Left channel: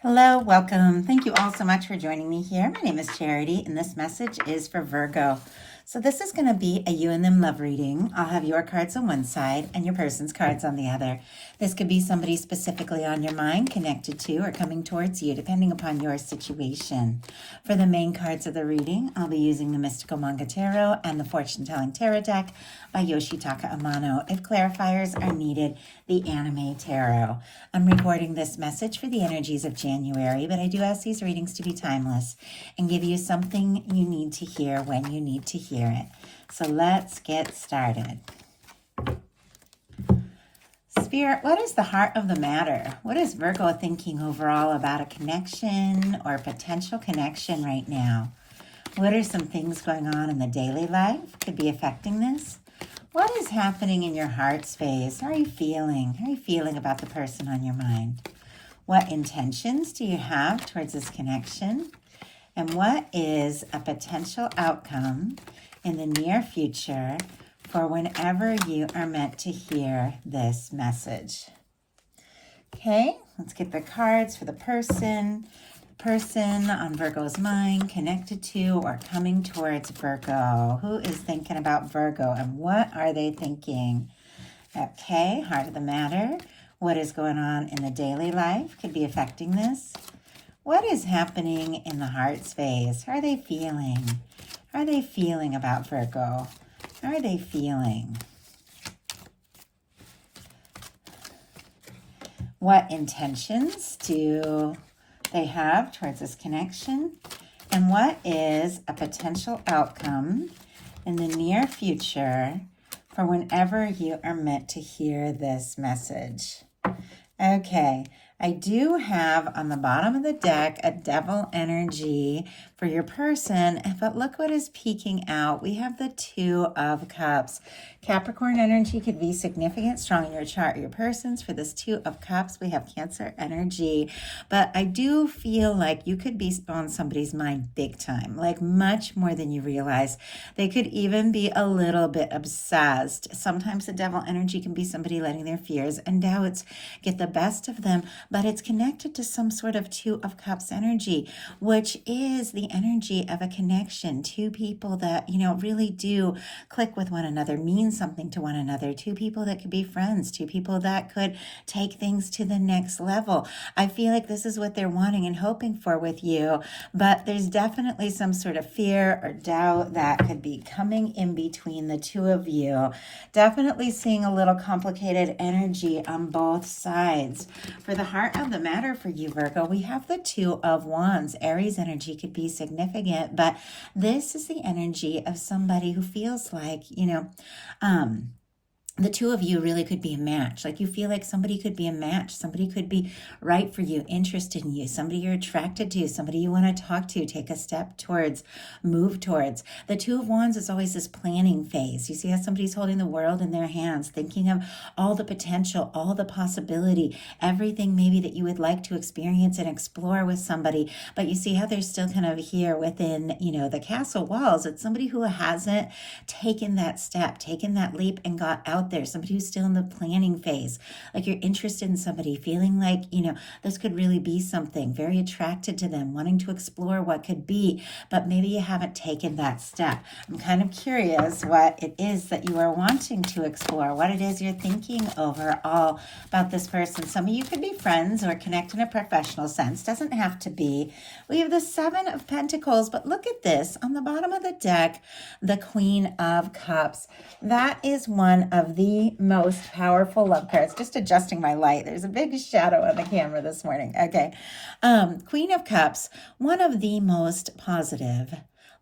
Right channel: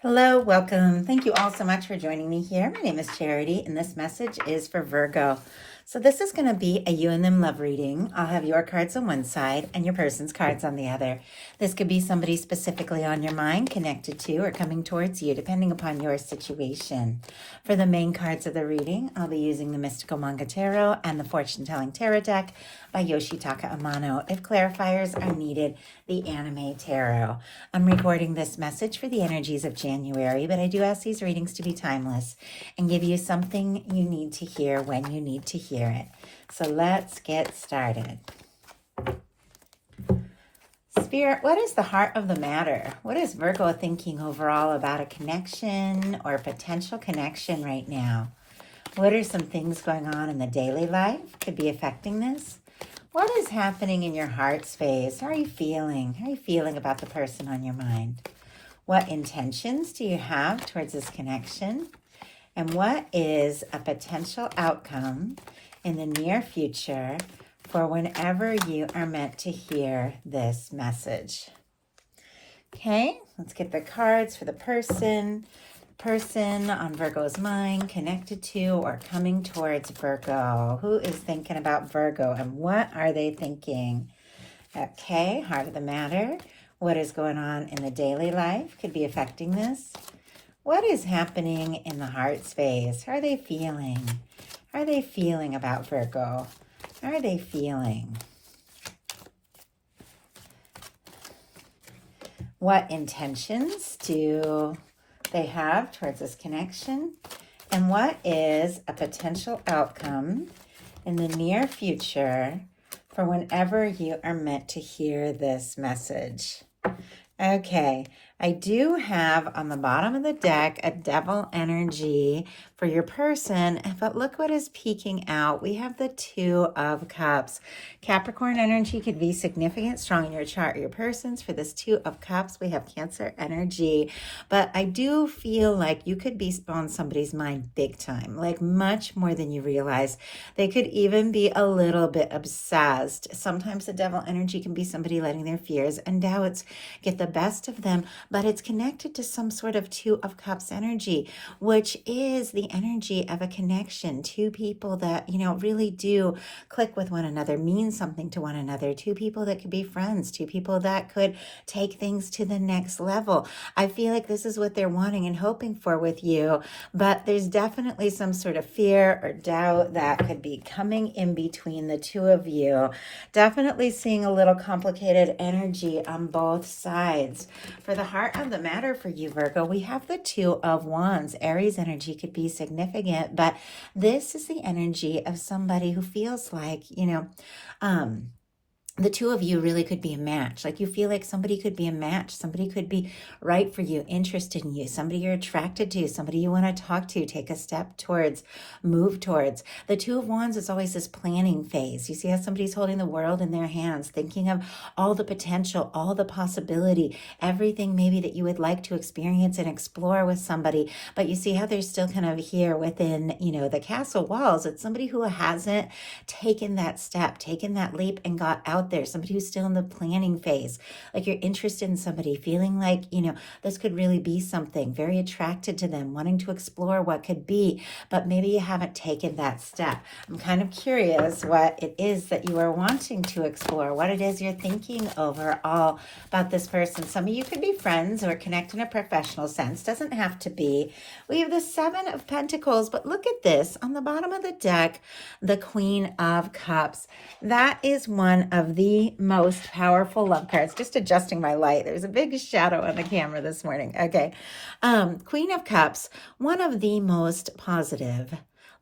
Hello, welcome. Thank you all so much for joining me here. My name is Charity, and this message is for Virgo. So this is going to be a you and them love reading. I'll have your cards on one side and your person's cards on the other. This could be somebody specifically on your mind, connected to, or coming towards you, depending upon your situation. For the main cards of the reading, I'll be using the Mystical Manga Tarot and the Fortune Telling Tarot deck by Yoshitaka Amano. If clarifiers are needed, the Anime Tarot. I'm recording this message for the energies of January, but I do ask these readings to be timeless and give you something you need to hear when you need to hear it. So let's get started. Spirit, what is the heart of the matter? What is Virgo thinking overall about a connection or potential connection right now? What are some things going on in the daily life could be affecting this? What is happening in your heart space? How are you feeling? How are you feeling about the person on your mind? What intentions do you have towards this connection? And what is a potential outcome in the near future for whenever you are meant to hear this message? Okay, let's get the cards for the person on Virgo's mind, connected to or coming towards Virgo. Who is thinking about Virgo and what are they thinking? Okay, heart of the matter. What is going on in the daily life could be affecting this. What is happening in the heart space? How are they feeling? How are they feeling about Virgo? How are they feeling? What intentions do they have towards this connection? And what is a potential outcome in the near future for whenever you are meant to hear this message? Okay, I do have on the bottom of the deck a devil energy for your person, but look what is peeking out. We have the Two of Cups. Capricorn energy could be significant, strong in your chart, your person's. For this Two of Cups, we have Cancer energy, but I do feel like you could be on somebody's mind big time, like much more than you realize. They could even be a little bit obsessed. Sometimes the devil energy can be somebody letting their fears and doubts get the best of them, but it's connected to some sort of Two of Cups energy, which is the energy of a connection. Two people that, really do click with one another, mean something to one another. Two people that could be friends. Two people that could take things to the next level. I feel like this is what they're wanting and hoping for with you, but there's definitely some sort of fear or doubt that could be coming in between the two of you. Definitely seeing a little complicated energy on both sides. For the heart of the matter for you, Virgo, we have the Two of Wands. Aries energy could be significant, but this is the energy of somebody who feels like, the two of you really could be a match. Like you feel like somebody could be a match. Somebody could be right for you, interested in you, somebody you're attracted to, somebody you want to talk to, take a step towards, move towards. The Two of Wands is always this planning phase. You see how somebody's holding the world in their hands, thinking of all the potential, all the possibility, everything maybe that you would like to experience and explore with somebody. But you see how they're still kind of here within, the castle walls. It's somebody who hasn't taken that step, taken that leap and got out there, somebody who's still in the planning phase. Like you're interested in somebody, feeling like, this could really be something, very attracted to them, wanting to explore what could be, but maybe you haven't taken that step. I'm kind of curious what it is that you are wanting to explore, what it is you're thinking overall about this person. Some of you could be friends or connect in a professional sense, doesn't have to be. We have the Seven of Pentacles, but look at this on the bottom of the deck, the Queen of Cups. That is one of the most powerful love cards. Just adjusting my light. There's a big shadow on the camera this morning. Okay. Queen of Cups, one of the most positive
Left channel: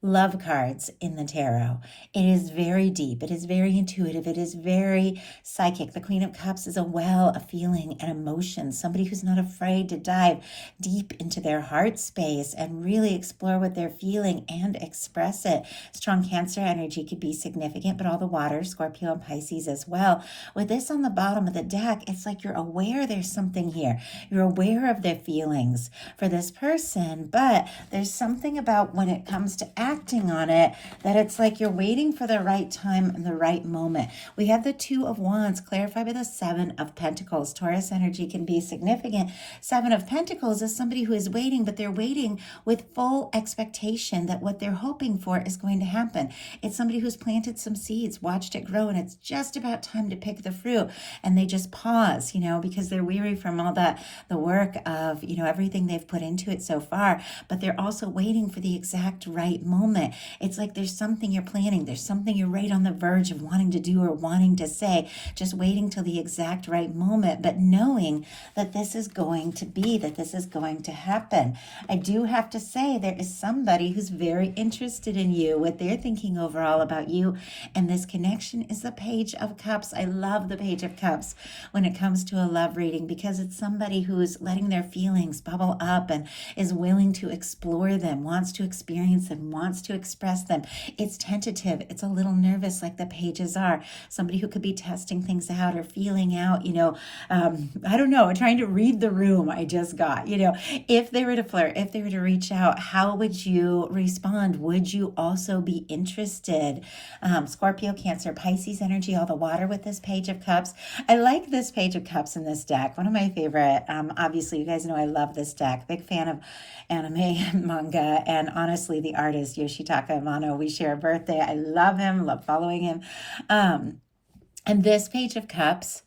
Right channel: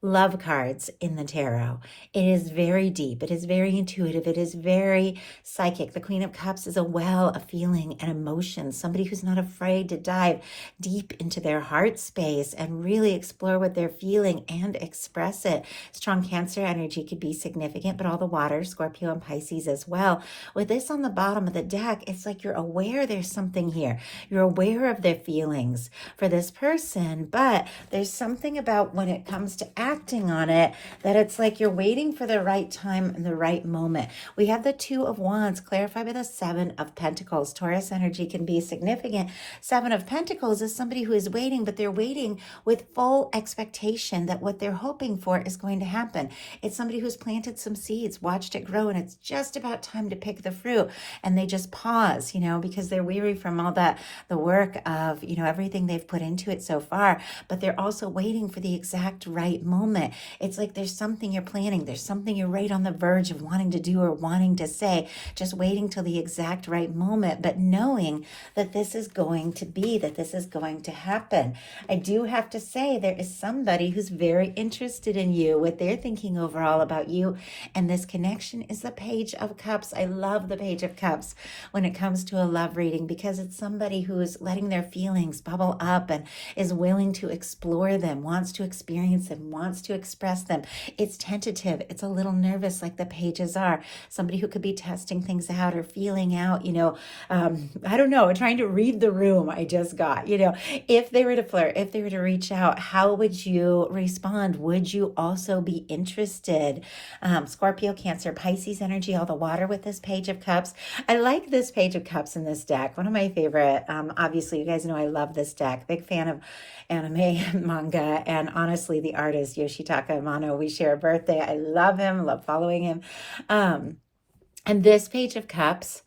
love cards in the tarot. It is very deep. It is very intuitive. It is very psychic. The Queen of Cups is a well of feeling and emotion. Somebody who's not afraid to dive deep into their heart space and really explore what they're feeling and express it. Strong Cancer energy could be significant, but all the water, Scorpio and Pisces as well. With this on the bottom of the deck, it's like you're aware there's something here. You're aware of their feelings for this person, but there's something about when it comes to acting on it, that it's like you're waiting for the right time and the right moment. We have the Two of Wands clarified by the Seven of Pentacles. Taurus energy can be significant. Seven of Pentacles is somebody who is waiting, but they're waiting with full expectation that what they're hoping for is going to happen. It's somebody who's planted some seeds, watched it grow, and it's just about time to pick the fruit. And they just pause, because they're weary from all that, the work of, everything they've put into it so far. But they're also waiting for the exact right moment. It's like there's something you're planning. There's something you're right on the verge of wanting to do or wanting to say, just waiting till the exact right moment, but knowing that this is going to be, that this is going to happen. I do have to say there is somebody who's very interested in you, what they're thinking overall about you, and this connection is the Page of Cups. I love the Page of Cups when it comes to a love reading, because it's somebody who's letting their feelings bubble up and is willing to explore them, wants to experience them, wants to express them. It's tentative. It's a little nervous, like the pages are. Somebody who could be testing things out or feeling out, I don't know, trying to read the room. I just got, if they were to flirt, if they were to reach out, how would you respond? Would you also be interested? Scorpio, Cancer, Pisces energy, all the water with this Page of Cups. I like this Page of Cups in this deck. One of my favorite. Obviously, you guys know I love this deck. Big fan of anime, manga, and honestly, the artist Yoshitaka Amano. We share a birthday. I love him, love following him. And this Page of Cups,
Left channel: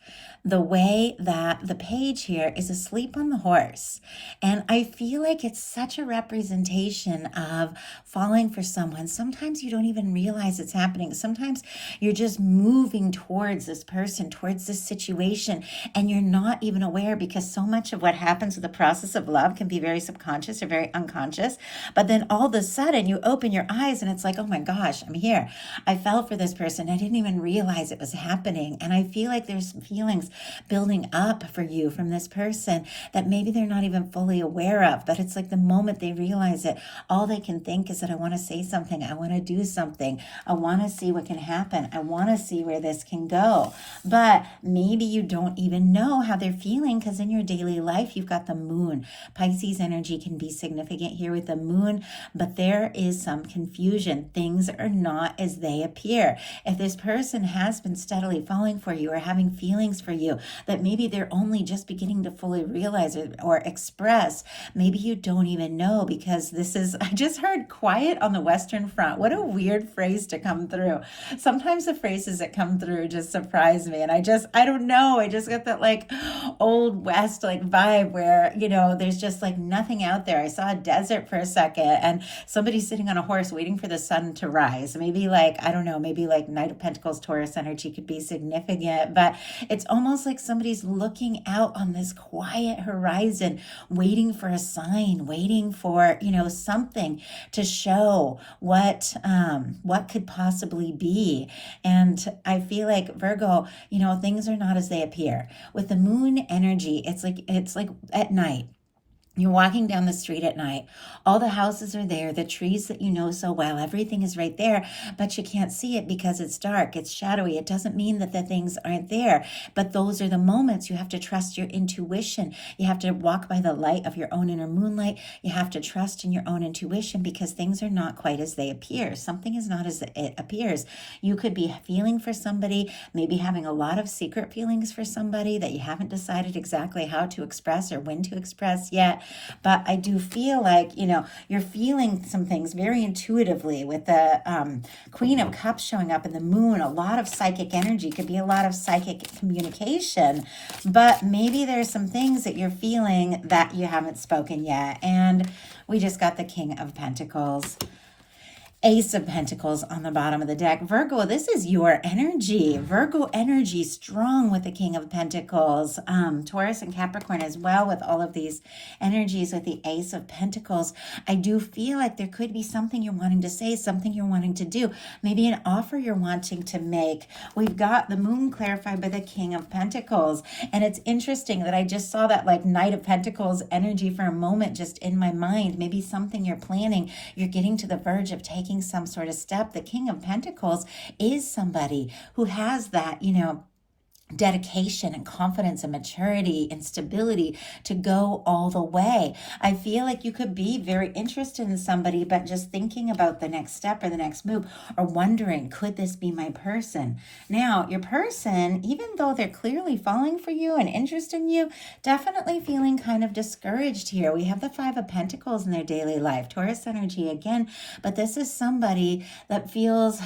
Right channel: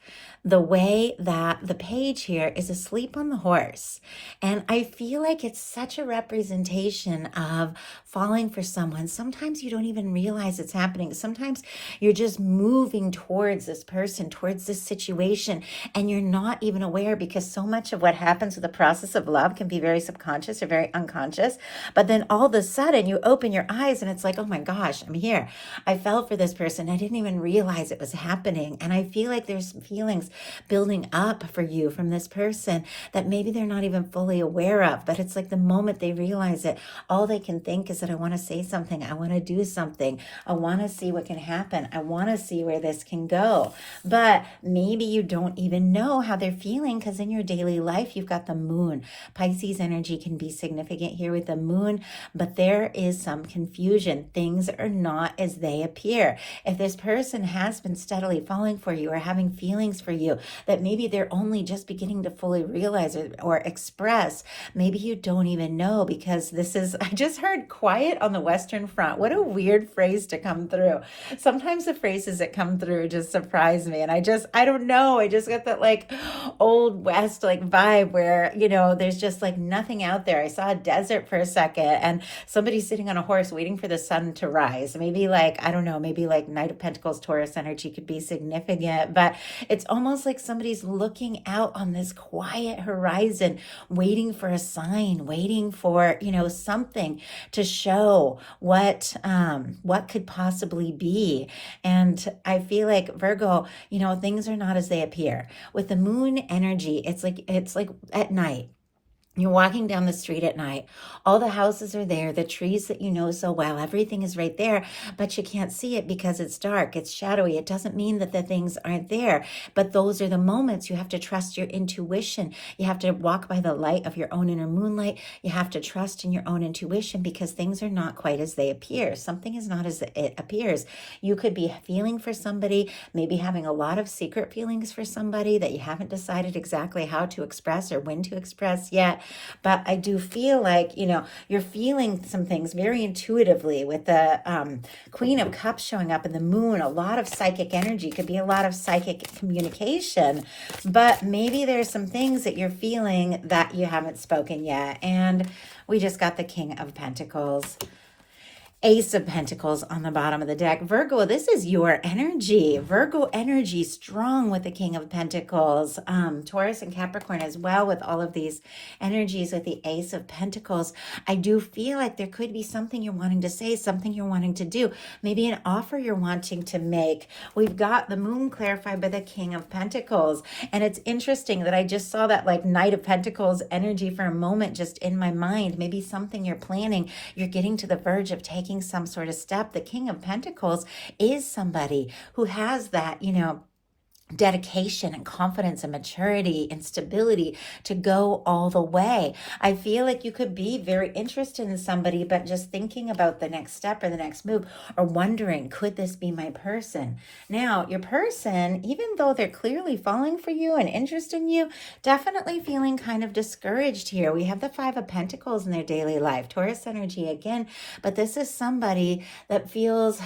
the way that the page here is asleep on the horse. And I feel like it's such a representation of falling for someone. Sometimes you don't even realize it's happening. Sometimes you're just moving towards this person, towards this situation, and you're not even aware, because so much of what happens with the process of love can be very subconscious or very unconscious. But then all of a sudden you open your eyes and it's like, oh my gosh, I'm here. I fell for this person. I didn't even realize it was happening. And I feel like there's feelings building up for you from this person that maybe they're not even fully aware of. But it's like the moment they realize it, all they can think is that I want to say something. I want to do something. I want to see what can happen. I want to see where this can go. But maybe you don't even know how they're feeling, because in your daily life, you've got the moon. Pisces energy can be significant here with the moon, but there is some confusion. Things are not as they appear. If this person has been steadily falling for you or having feelings for you that maybe they're only just beginning to fully realize or express, maybe you don't even know, because this is, I just heard quiet on the Western Front. What a weird phrase to come through. Sometimes the phrases that come through just surprise me. And I don't know. I just got that like old West like vibe where, there's just like nothing out there. I saw a desert for a second and somebody sitting on a horse waiting for the sun to rise. Maybe like, I don't know, maybe like Knight of Pentacles, Taurus energy could be significant, but it's almost like somebody's looking out on this quiet horizon, waiting for a sign, waiting for, something to show what could possibly be. And I feel like Virgo, things are not as they appear. With the moon energy, it's like at night. You're walking down the street at night. All the houses are there, the trees that you know so well, everything is right there, but you can't see it because it's dark, it's shadowy. It doesn't mean that the things aren't there, but those are the moments you have to trust your intuition. You have to walk by the light of your own inner moonlight. You have to trust in your own intuition, because things are not quite as they appear. Something is not as it appears. You could be feeling for somebody, maybe having a lot of secret feelings for somebody that you haven't decided exactly how to express or when to express yet. But I do feel like, you're feeling some things very intuitively with the Queen of Cups showing up in the moon. A lot of psychic energy, could be a lot of psychic communication, but maybe there's some things that you're feeling that you haven't spoken yet. And we just got the King of Pentacles. Ace of Pentacles on the bottom of the deck. Virgo, this is your energy. Virgo energy strong with the King of Pentacles. Taurus and Capricorn as well with all of these energies with the Ace of Pentacles. I do feel like there could be something you're wanting to say, something you're wanting to do, maybe an offer you're wanting to make. We've got the moon clarified by the King of Pentacles. And it's interesting that I just saw that like Knight of Pentacles energy for a moment just in my mind. Maybe something you're planning, you're getting to the verge of taking some sort of step. The King of Pentacles is somebody who has that, dedication and confidence and maturity and stability to go all the way. I feel like you could be very interested in somebody, but just thinking about the next step or the next move, or wondering, could this be my person? Now, your person, even though they're clearly falling for you and interested in you, definitely feeling kind of discouraged here. We have the Five of Pentacles in their daily life, Taurus energy again, but this is somebody that feels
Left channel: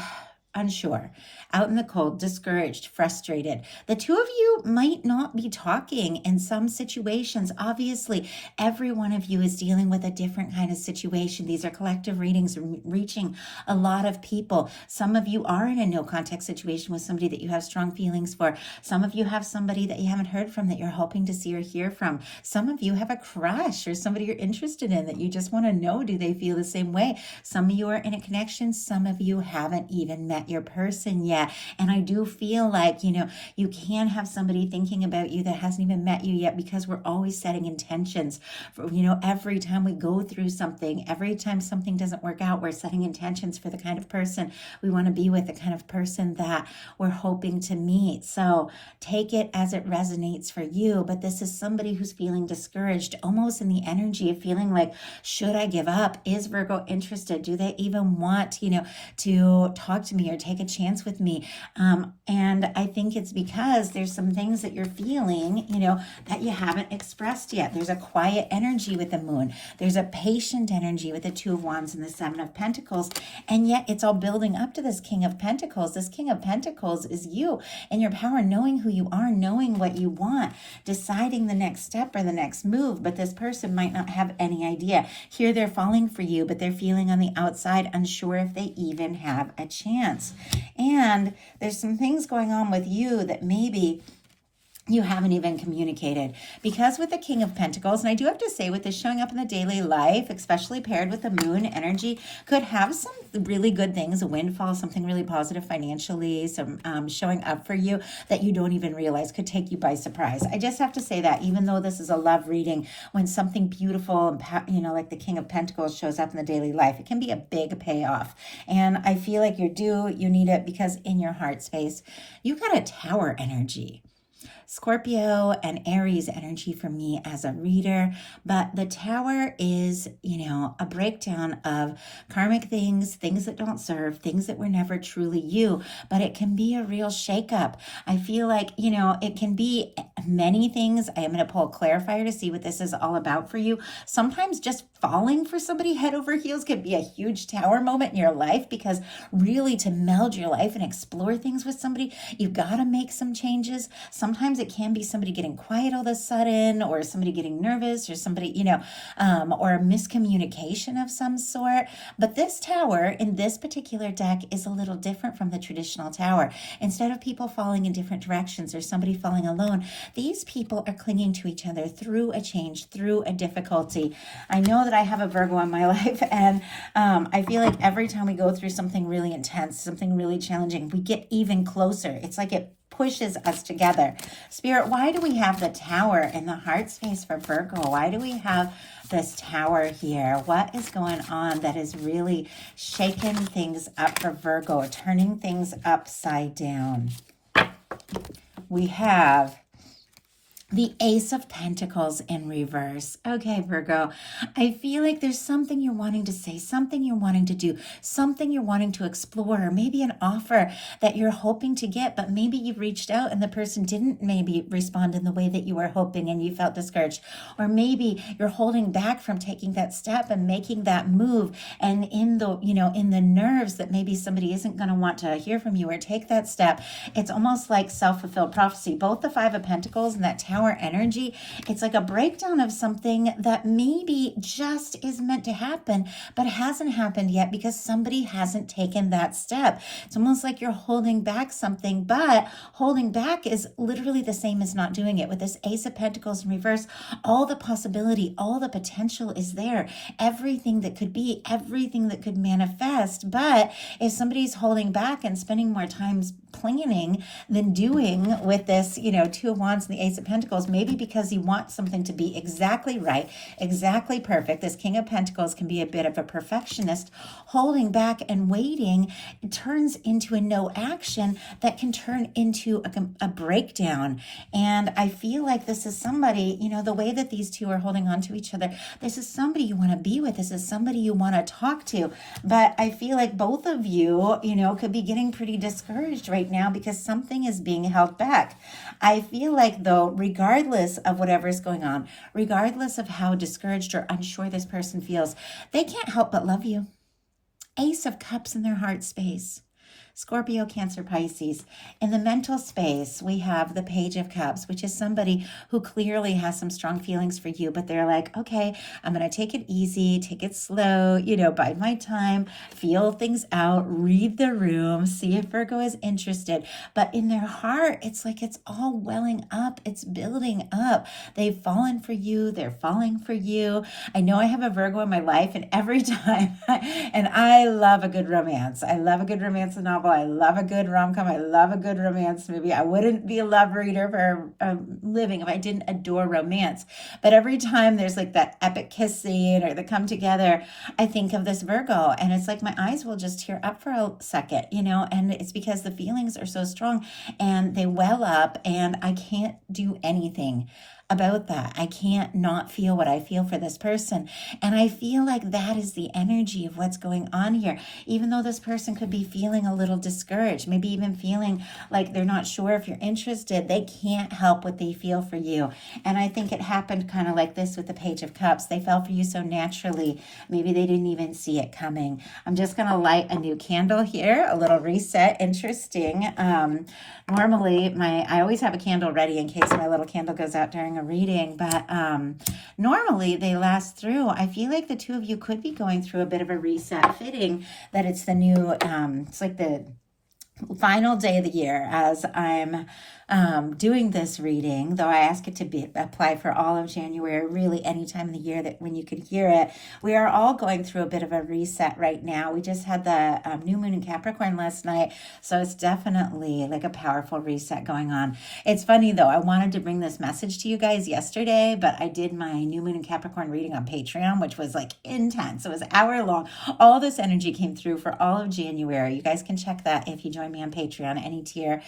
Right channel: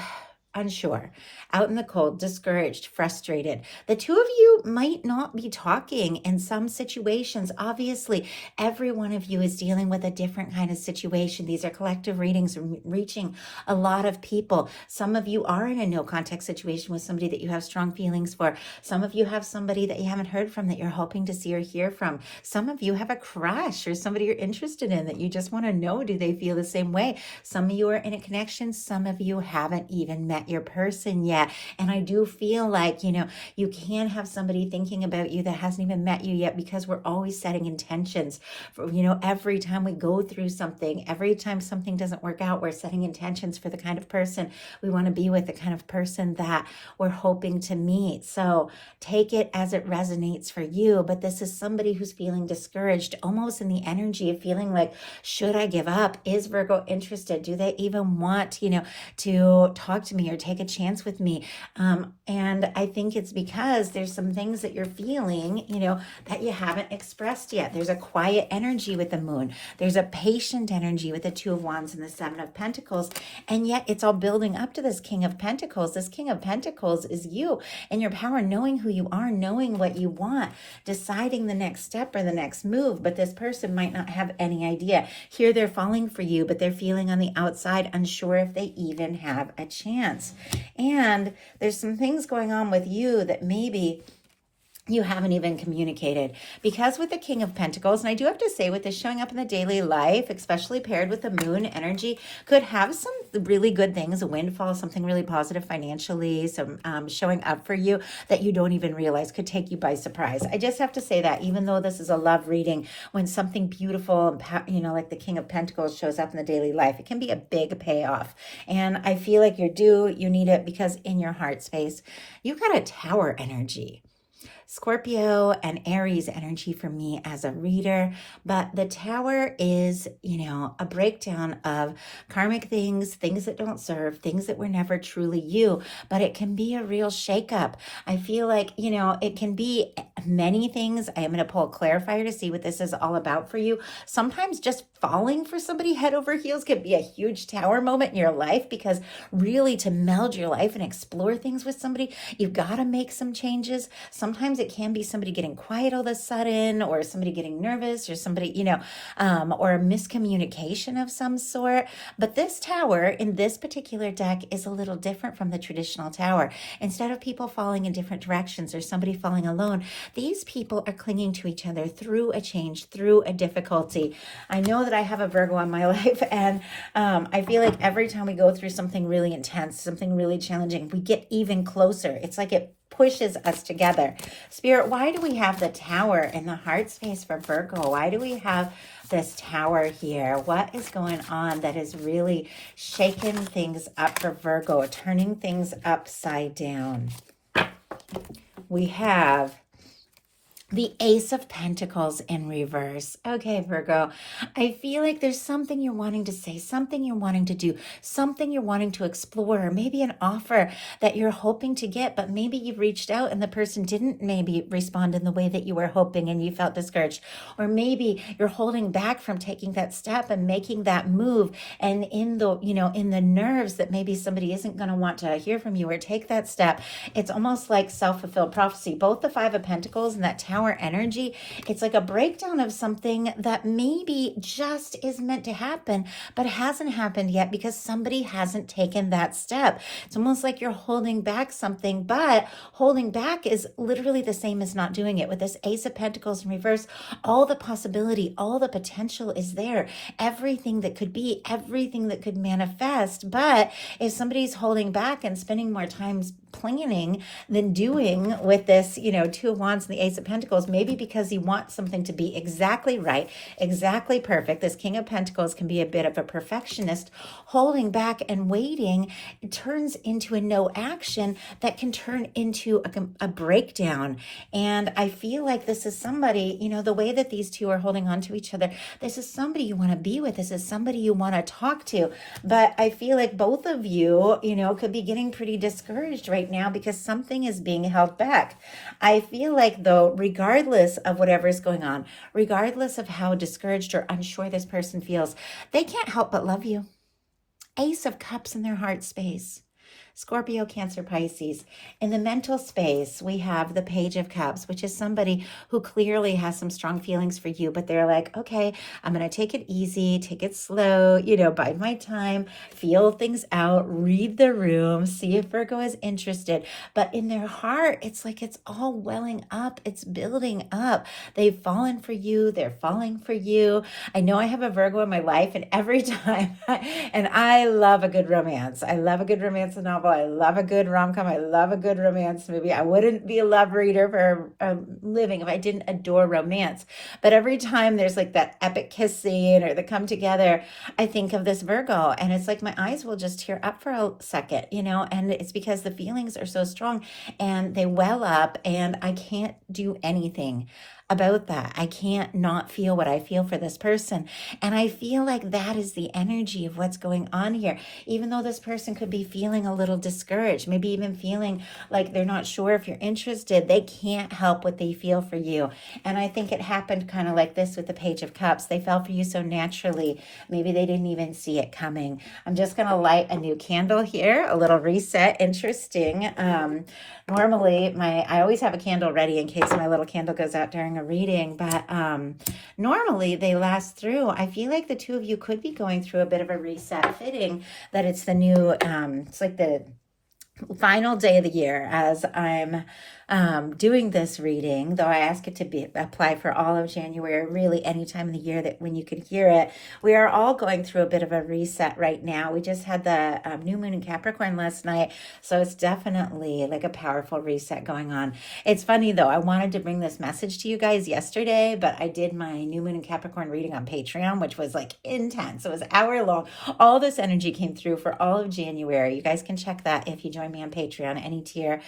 unsure, out in the cold, discouraged, frustrated. The two of you might not be talking in some situations. Obviously, every one of you is dealing with a different kind of situation. These are collective readings reaching a lot of people. Some of you are in a no contact situation with somebody that you have strong feelings for. Some of you have somebody that you haven't heard from that you're hoping to see or hear from. Some of you have a crush or somebody you're interested in that you just want to know, do they feel the same way? Some of you are in a connection. Some of you haven't even met your person yet. And I do feel like, you can have somebody thinking about you that hasn't even met you yet, because we're always setting intentions for, every time we go through something, every time something doesn't work out, we're setting intentions for the kind of person we want to be with, the kind of person that we're hoping to meet. So take it as it resonates for you. But this is somebody who's feeling discouraged, almost in the energy of feeling like, should I give up? Is Virgo interested? Do they even want, to talk to me or take a chance with me? And I think it's because there's some things that you're feeling, that you haven't expressed yet. There's a quiet energy with the moon. There's a patient energy with the Two of Wands and the Seven of Pentacles. And yet it's all building up to this King of Pentacles. This King of Pentacles is you and your power, knowing who you are, knowing what you want, deciding the next step or the next move. But this person might not have any idea. Here they're falling for you, but they're feeling on the outside, unsure if they even have a chance. And there's some things going on with you that maybe you haven't even communicated, because with the King of Pentacles, and I do have to say, with this showing up in the daily life, especially paired with the moon energy, could have some really good things, a windfall, something really positive financially, some showing up for you that you don't even realize, could take you by surprise. I just have to say that, even though this is a love reading, when something beautiful, like the King of Pentacles shows up in the daily life, it can be a big payoff. And I feel like you need it, because in your heart space, you've got a Tower energy. Scorpio and Aries energy for me as a reader, but the Tower is, a breakdown of karmic things that don't serve, things that were never truly you, but it can be a real shakeup. I feel like, it can be many things. I am going to pull a clarifier to see what this is all about for you. Sometimes just falling for somebody head over heels can be a huge Tower moment in your life, because really, to meld your life and explore things with somebody, you've got to make some changes. Sometimes it can be somebody getting quiet all of a sudden, or somebody getting nervous, or somebody, or a miscommunication of some sort. But this Tower in this particular deck is a little different from the traditional Tower. Instead of people falling in different directions or somebody falling alone, these people are clinging to each other through a change, through a difficulty. I know that I have a Virgo in my life, and I feel like every time we go through something really intense, something really challenging, we get even closer. It's like it pushes us together. Spirit, why do we have the Tower in the heart space for Virgo? Why do we have this Tower here? What is going on that is really shaking things up for Virgo, turning things upside down? We have the Ace of Pentacles in reverse. Okay, Virgo, I feel like there's something you're wanting to say, something you're wanting to do, something you're wanting to explore, or maybe an offer that you're hoping to get, but maybe you've reached out and the person didn't maybe respond in the way that you were hoping and you felt discouraged. Or maybe you're holding back from taking that step and making that move, and in the nerves that maybe somebody isn't going to want to hear from you or take that step. It's almost like self-fulfilled prophecy. Both the Five of Pentacles and that Tower energy, it's like a breakdown of something that maybe just is meant to happen, but hasn't happened yet because somebody hasn't taken that step. It's almost like you're holding back something, but holding back is literally the same as not doing it. With this Ace of Pentacles in reverse, all the possibility, all the potential is there. Everything that could be, everything that could manifest. But if somebody's holding back and spending more time planning than doing with this, Two of Wands and the Ace of Pentacles, Pentacles, maybe because he wants something to be exactly right, exactly perfect. This King of Pentacles can be a bit of a perfectionist, holding back and waiting. It turns into a no action that can turn into a breakdown. And I feel like this is somebody, the way that these two are holding on to each other, this is somebody you want to be with. This is somebody you want to talk to. But I feel like both of you, could be getting pretty discouraged right now because something is being held back. I feel like, though, regardless of whatever is going on, regardless of how discouraged or unsure this person feels, they can't help but love you. Ace of Cups in their heart space. Scorpio, Cancer, Pisces. In the mental space, we have the Page of Cups, which is somebody who clearly has some strong feelings for you, but they're like, okay, I'm going to take it easy, take it slow, bide my time, feel things out, read the room, see if Virgo is interested. But in their heart, it's like it's all welling up, it's building up. They've fallen for you, they're falling for you. I know I have a Virgo in my life, and every time, and I love a good romance. I love a good romance novel. I love a good rom-com. I love a good romance movie. I wouldn't be a love reader for a living if I didn't adore romance. But every time there's like that epic kiss scene or the come together, I think of this Virgo, and it's like my eyes will just tear up for a second, and it's because the feelings are so strong and they well up, and I can't do anything about that. I can't not feel what I feel for this person. And I feel like that is the energy of what's going on here. Even though this person could be feeling a little discouraged, maybe even feeling like they're not sure if you're interested, they can't help what they feel for you. And I think it happened kind of like this with the Page of Cups. They fell for you so naturally. Maybe they didn't even see it coming. I'm just going to light a new candle here, a little reset. Interesting. Normally, I always have a candle ready in case my little candle goes out during a reading, but normally they last through. I feel like the two of you could be going through a bit of a reset, fitting that it's the new, it's like the final day of the year as I'm doing this reading, though I ask it to apply for all of January, really any time of the year that when you could hear it. We are all going through a bit of a reset right now. We just had the new moon in Capricorn last night, so it's definitely like a powerful reset going on. It's funny though, I wanted to bring this message to you guys yesterday, but I did my new moon in Capricorn reading on Patreon, which was like intense. It was an hour long. All this energy came through for all of January. You guys can check that if you join me on Patreon, any tier.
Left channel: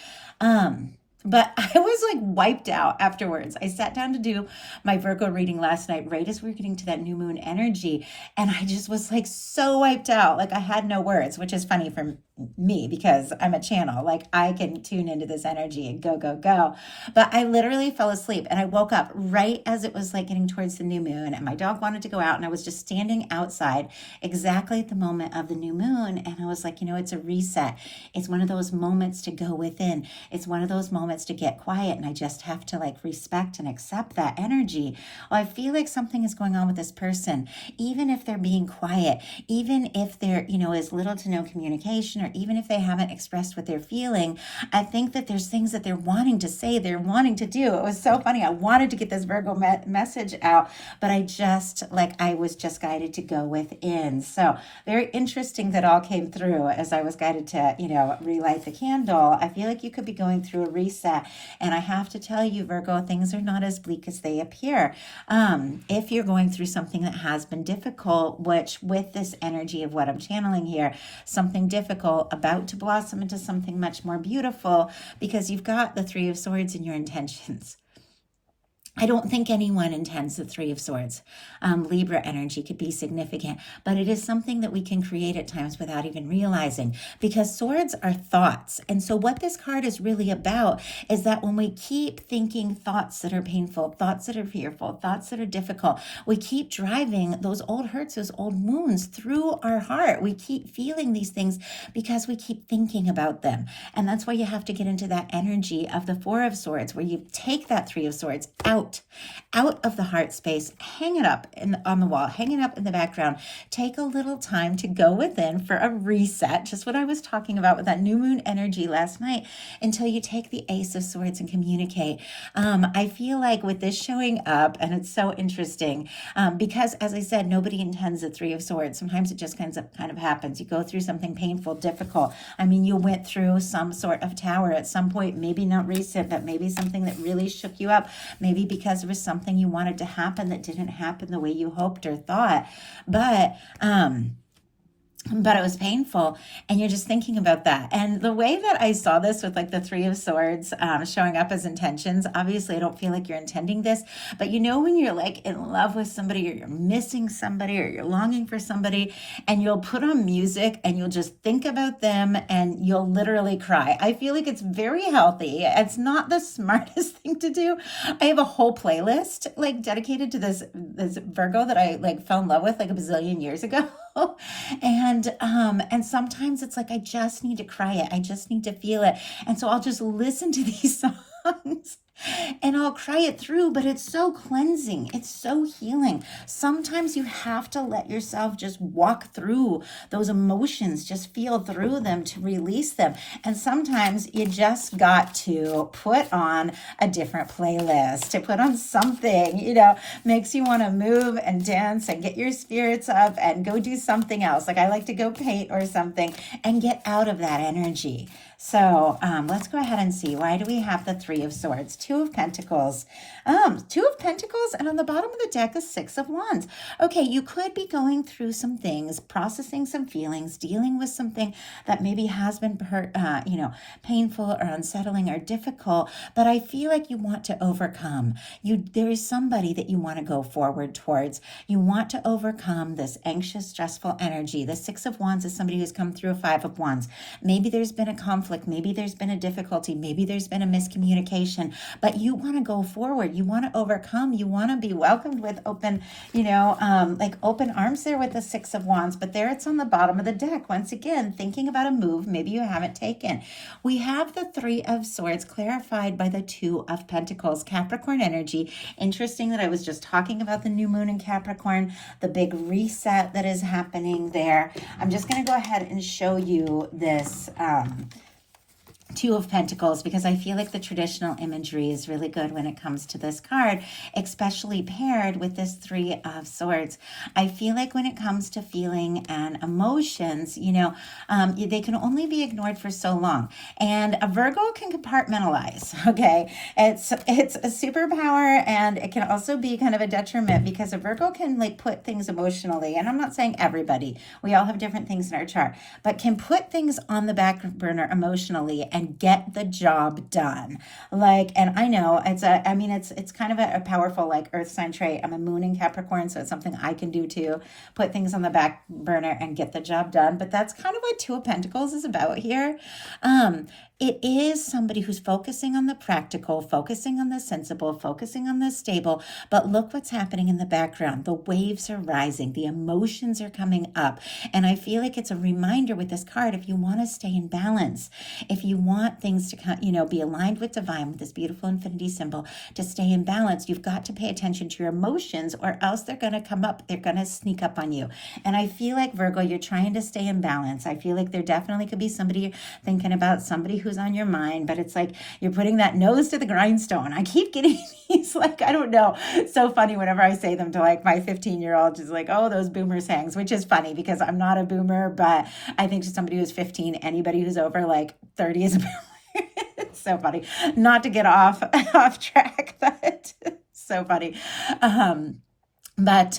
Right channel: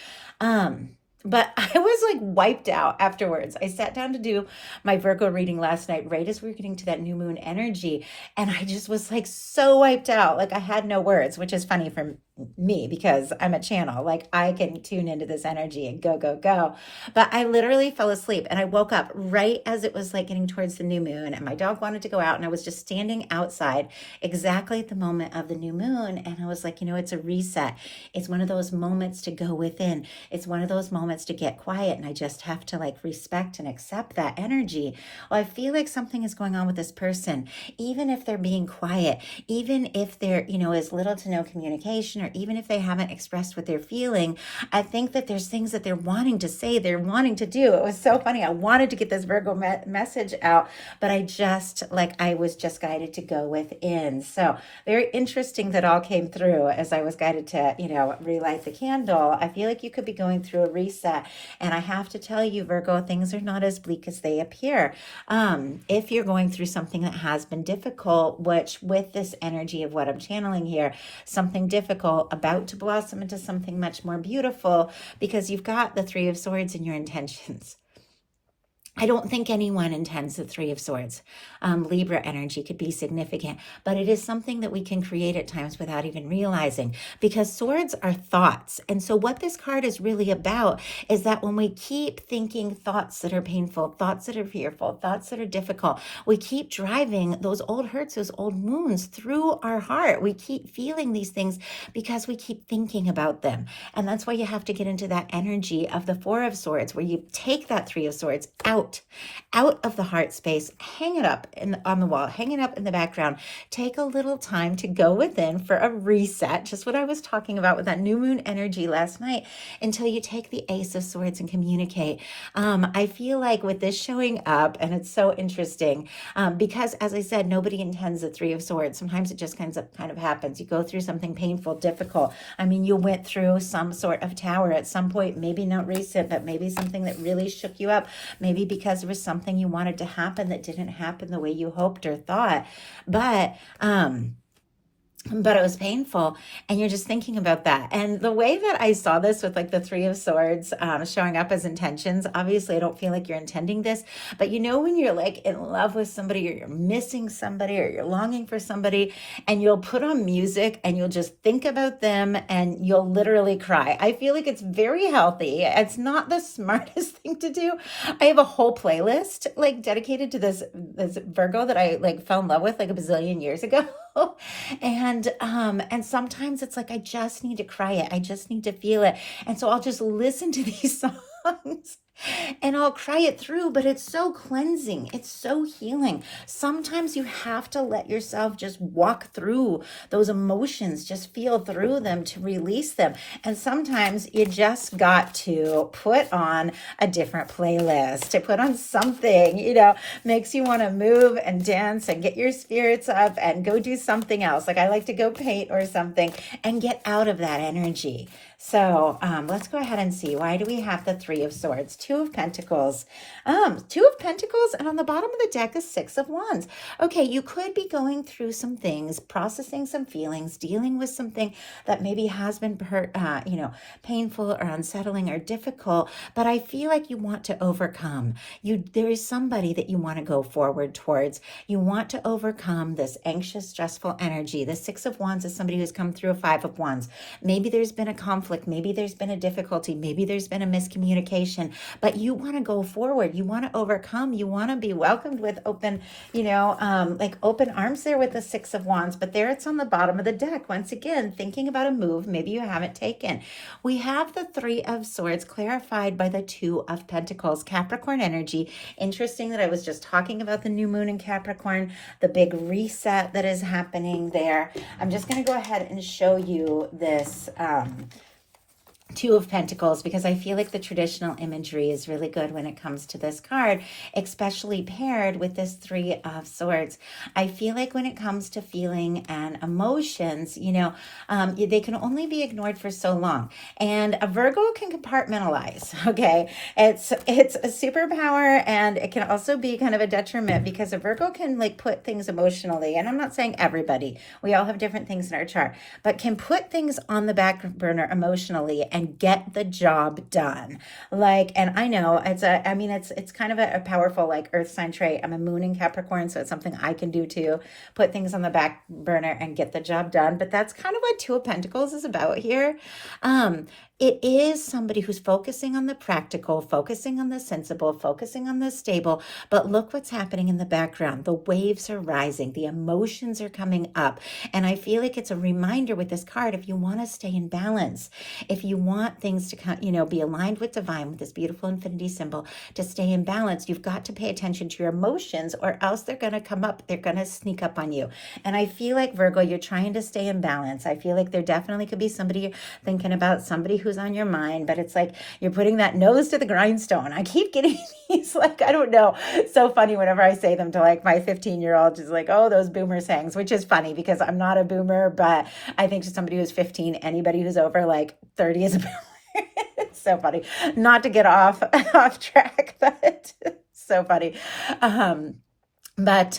But I was like wiped out afterwards. I sat down to do my Virgo reading last night, right as we were getting to that new moon energy. And I just was like so wiped out. Like I had no words, which is funny for me because I'm a channel. Like I can tune into this energy and go, go, go. But I literally fell asleep and I woke up right as it was like getting towards the new moon, and my dog wanted to go out, and I was just standing outside exactly at the moment of the new moon. And I was like, it's a reset. It's one of those moments to go within. It's one of those moments to get quiet, and I just have to like respect and accept that energy. Well, I feel like something is going on with this person, even if they're being quiet, even if there, is little to no communication, or even if they haven't expressed what they're feeling. I think that there's things that they're wanting to say, they're wanting to do. It was so funny. I wanted to get this Virgo message out, but I was just guided to go within. So very interesting that all came through as I was guided to, relight the candle. I feel like you could be going through a reset. And I have to tell you, Virgo, things are not as bleak as they appear. If you're going through something that has been difficult, which with this energy of what I'm channeling here, something difficult about to blossom into something much more beautiful, because you've got the Three of Swords in your intentions. I don't think anyone intends the Three of Swords. Libra energy could be significant, but it is something that we can create at times without even realizing, because swords are thoughts. And so what this card is really about is that when we keep thinking thoughts that are painful, thoughts that are fearful, thoughts that are difficult, we keep driving those old hurts, those old wounds through our heart. We keep feeling these things because we keep thinking about them. And that's why you have to get into that energy of the Four of Swords, where you take that Three of Swords out out of the heart space, hang it up on the wall, hang it up in the background. Take a little time to go within for a reset, just what I was talking about with that new moon energy last night, until you take the Ace of Swords and communicate. I feel like with this showing up, and it's so interesting, because as I said, nobody intends the Three of Swords. Sometimes it just kind of happens. You go through something painful, difficult. I mean, you went through some sort of tower at some point, maybe not recent, but maybe something that really shook you up, maybe because there was something you wanted to happen that didn't happen the way you hoped or thought. But it was painful, and you're just thinking about that. And the way that I saw this with like the Three of Swords showing up as intentions, obviously I don't feel like you're intending this, but you know when you're like in love with somebody, or you're missing somebody, or you're longing for somebody, and you'll put on music and you'll just think about them and you'll literally cry. I feel like it's very healthy. It's not the smartest thing to do. I have a whole playlist like dedicated to this Virgo that I like fell in love with like a bazillion years ago. And sometimes it's like I just need to cry it. I just need to feel it. And so I'll just listen to these songs and I'll cry it through, but it's so cleansing. It's so healing. Sometimes you have to let yourself just walk through those emotions, just feel through them to release them. And sometimes you just got to put on a different playlist, to put on something, makes you want to move and dance and get your spirits up and go do something else. Like I like to go paint or something and get out of that energy. So let's go ahead and see. Why do we have the Three of Swords? Two of Pentacles. Two of Pentacles, and on the bottom of the deck is Six of Wands. Okay, you could be going through some things, processing some feelings, dealing with something that maybe has been painful or unsettling or difficult, but I feel like you want to overcome. There is somebody that you want to go forward towards. You want to overcome this anxious, stressful energy. The Six of Wands is somebody who's come through a Five of Wands. Maybe there's been a conflict. Maybe there's been a difficulty. Maybe there's been a miscommunication, but you want to go forward. You want to overcome. You want to be welcomed with open, open arms there with the Six of Wands. But there it's on the bottom of the deck. Once again, thinking about a move maybe you haven't taken. We have the Three of Swords clarified by the Two of Pentacles, Capricorn energy. Interesting that I was just talking about the new moon in Capricorn, the big reset that is happening there. I'm just going to go ahead and show you this Two of Pentacles, because I feel like the traditional imagery is really good when it comes to this card, especially paired with this Three of Swords. I feel like when it comes to feeling and emotions, they can only be ignored for so long. And a Virgo can compartmentalize, okay? It's a superpower, and it can also be kind of a detriment, because a Virgo can like put things emotionally, and I'm not saying everybody, we all have different things in our chart, but can put things on the back burner emotionally and get the job done. And I know it's kind of a powerful like earth sign trait. I'm a moon in Capricorn, so it's something I can do too. Put things on the back burner and get the job done. But that's kind of what Two of Pentacles is about here. It is somebody who's focusing on the practical, focusing on the sensible, focusing on the stable. But look what's happening in the background. The waves are rising. The emotions are coming up. And I feel like it's a reminder with this card, if you want to stay in balance, if you want things to be aligned with divine, with this beautiful infinity symbol, to stay in balance, you've got to pay attention to your emotions, or else they're going to come up. They're going to sneak up on you. And I feel like, Virgo, you're trying to stay in balance. I feel like there definitely could be somebody you're thinking about, somebody who's on your mind, but it's like you're putting that nose to the grindstone. I keep getting these, like, I don't know. It's so funny whenever I say them to like my 15-year-old, she's like, oh, those boomer sayings, which is funny because I'm not a boomer, but I think to somebody who's 15, anybody who's over like 30 is a boomer. It's so funny. Not to get off track, but it's so funny. But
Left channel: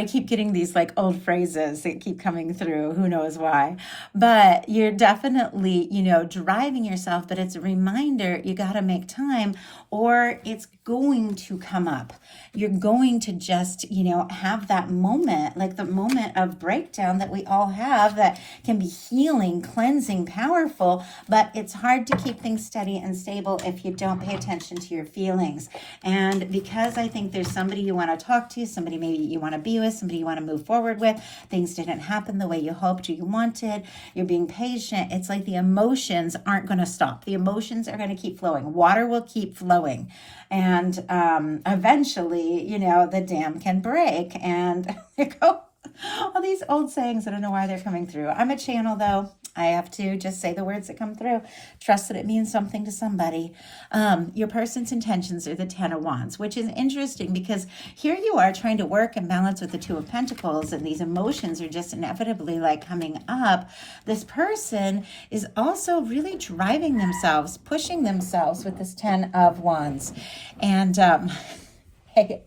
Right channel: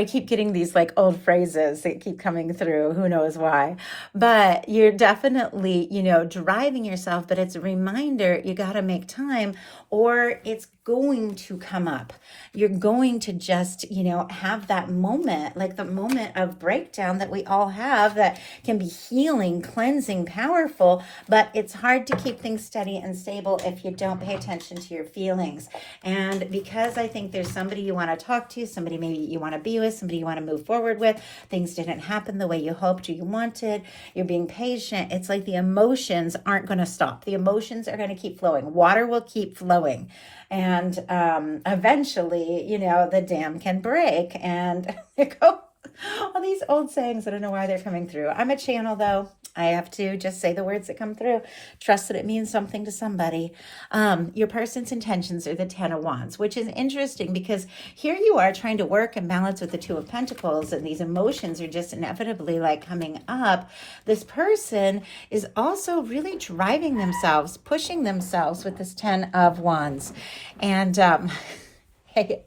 I keep getting these like old phrases that keep coming through. Who knows why? But you're definitely, driving yourself, but it's a reminder you got to make time, or it's going to come up. You're going to just, have that moment, like the moment of breakdown that we all have, that can be healing, cleansing, powerful, but it's hard to keep things steady and stable if you don't pay attention to your feelings. And because I think there's somebody you want to talk talk to, somebody maybe you want to be with, somebody you want to move forward with. Things didn't happen the way you hoped or you wanted. You're being patient. It's like the emotions aren't going to stop. The emotions are going to keep flowing. Water will keep flowing. And eventually, the dam can break. And there go all these old sayings. I don't know why they're coming through. I'm a channel, though. I have to just say the words that come through. Trust that it means something to somebody. Your person's intentions are the 10 of Wands, which is interesting because here you are trying to work and balance with the 2 of Pentacles, and these emotions are just inevitably like coming up. This person is also really driving themselves, pushing themselves with this 10 of Wands. And hey,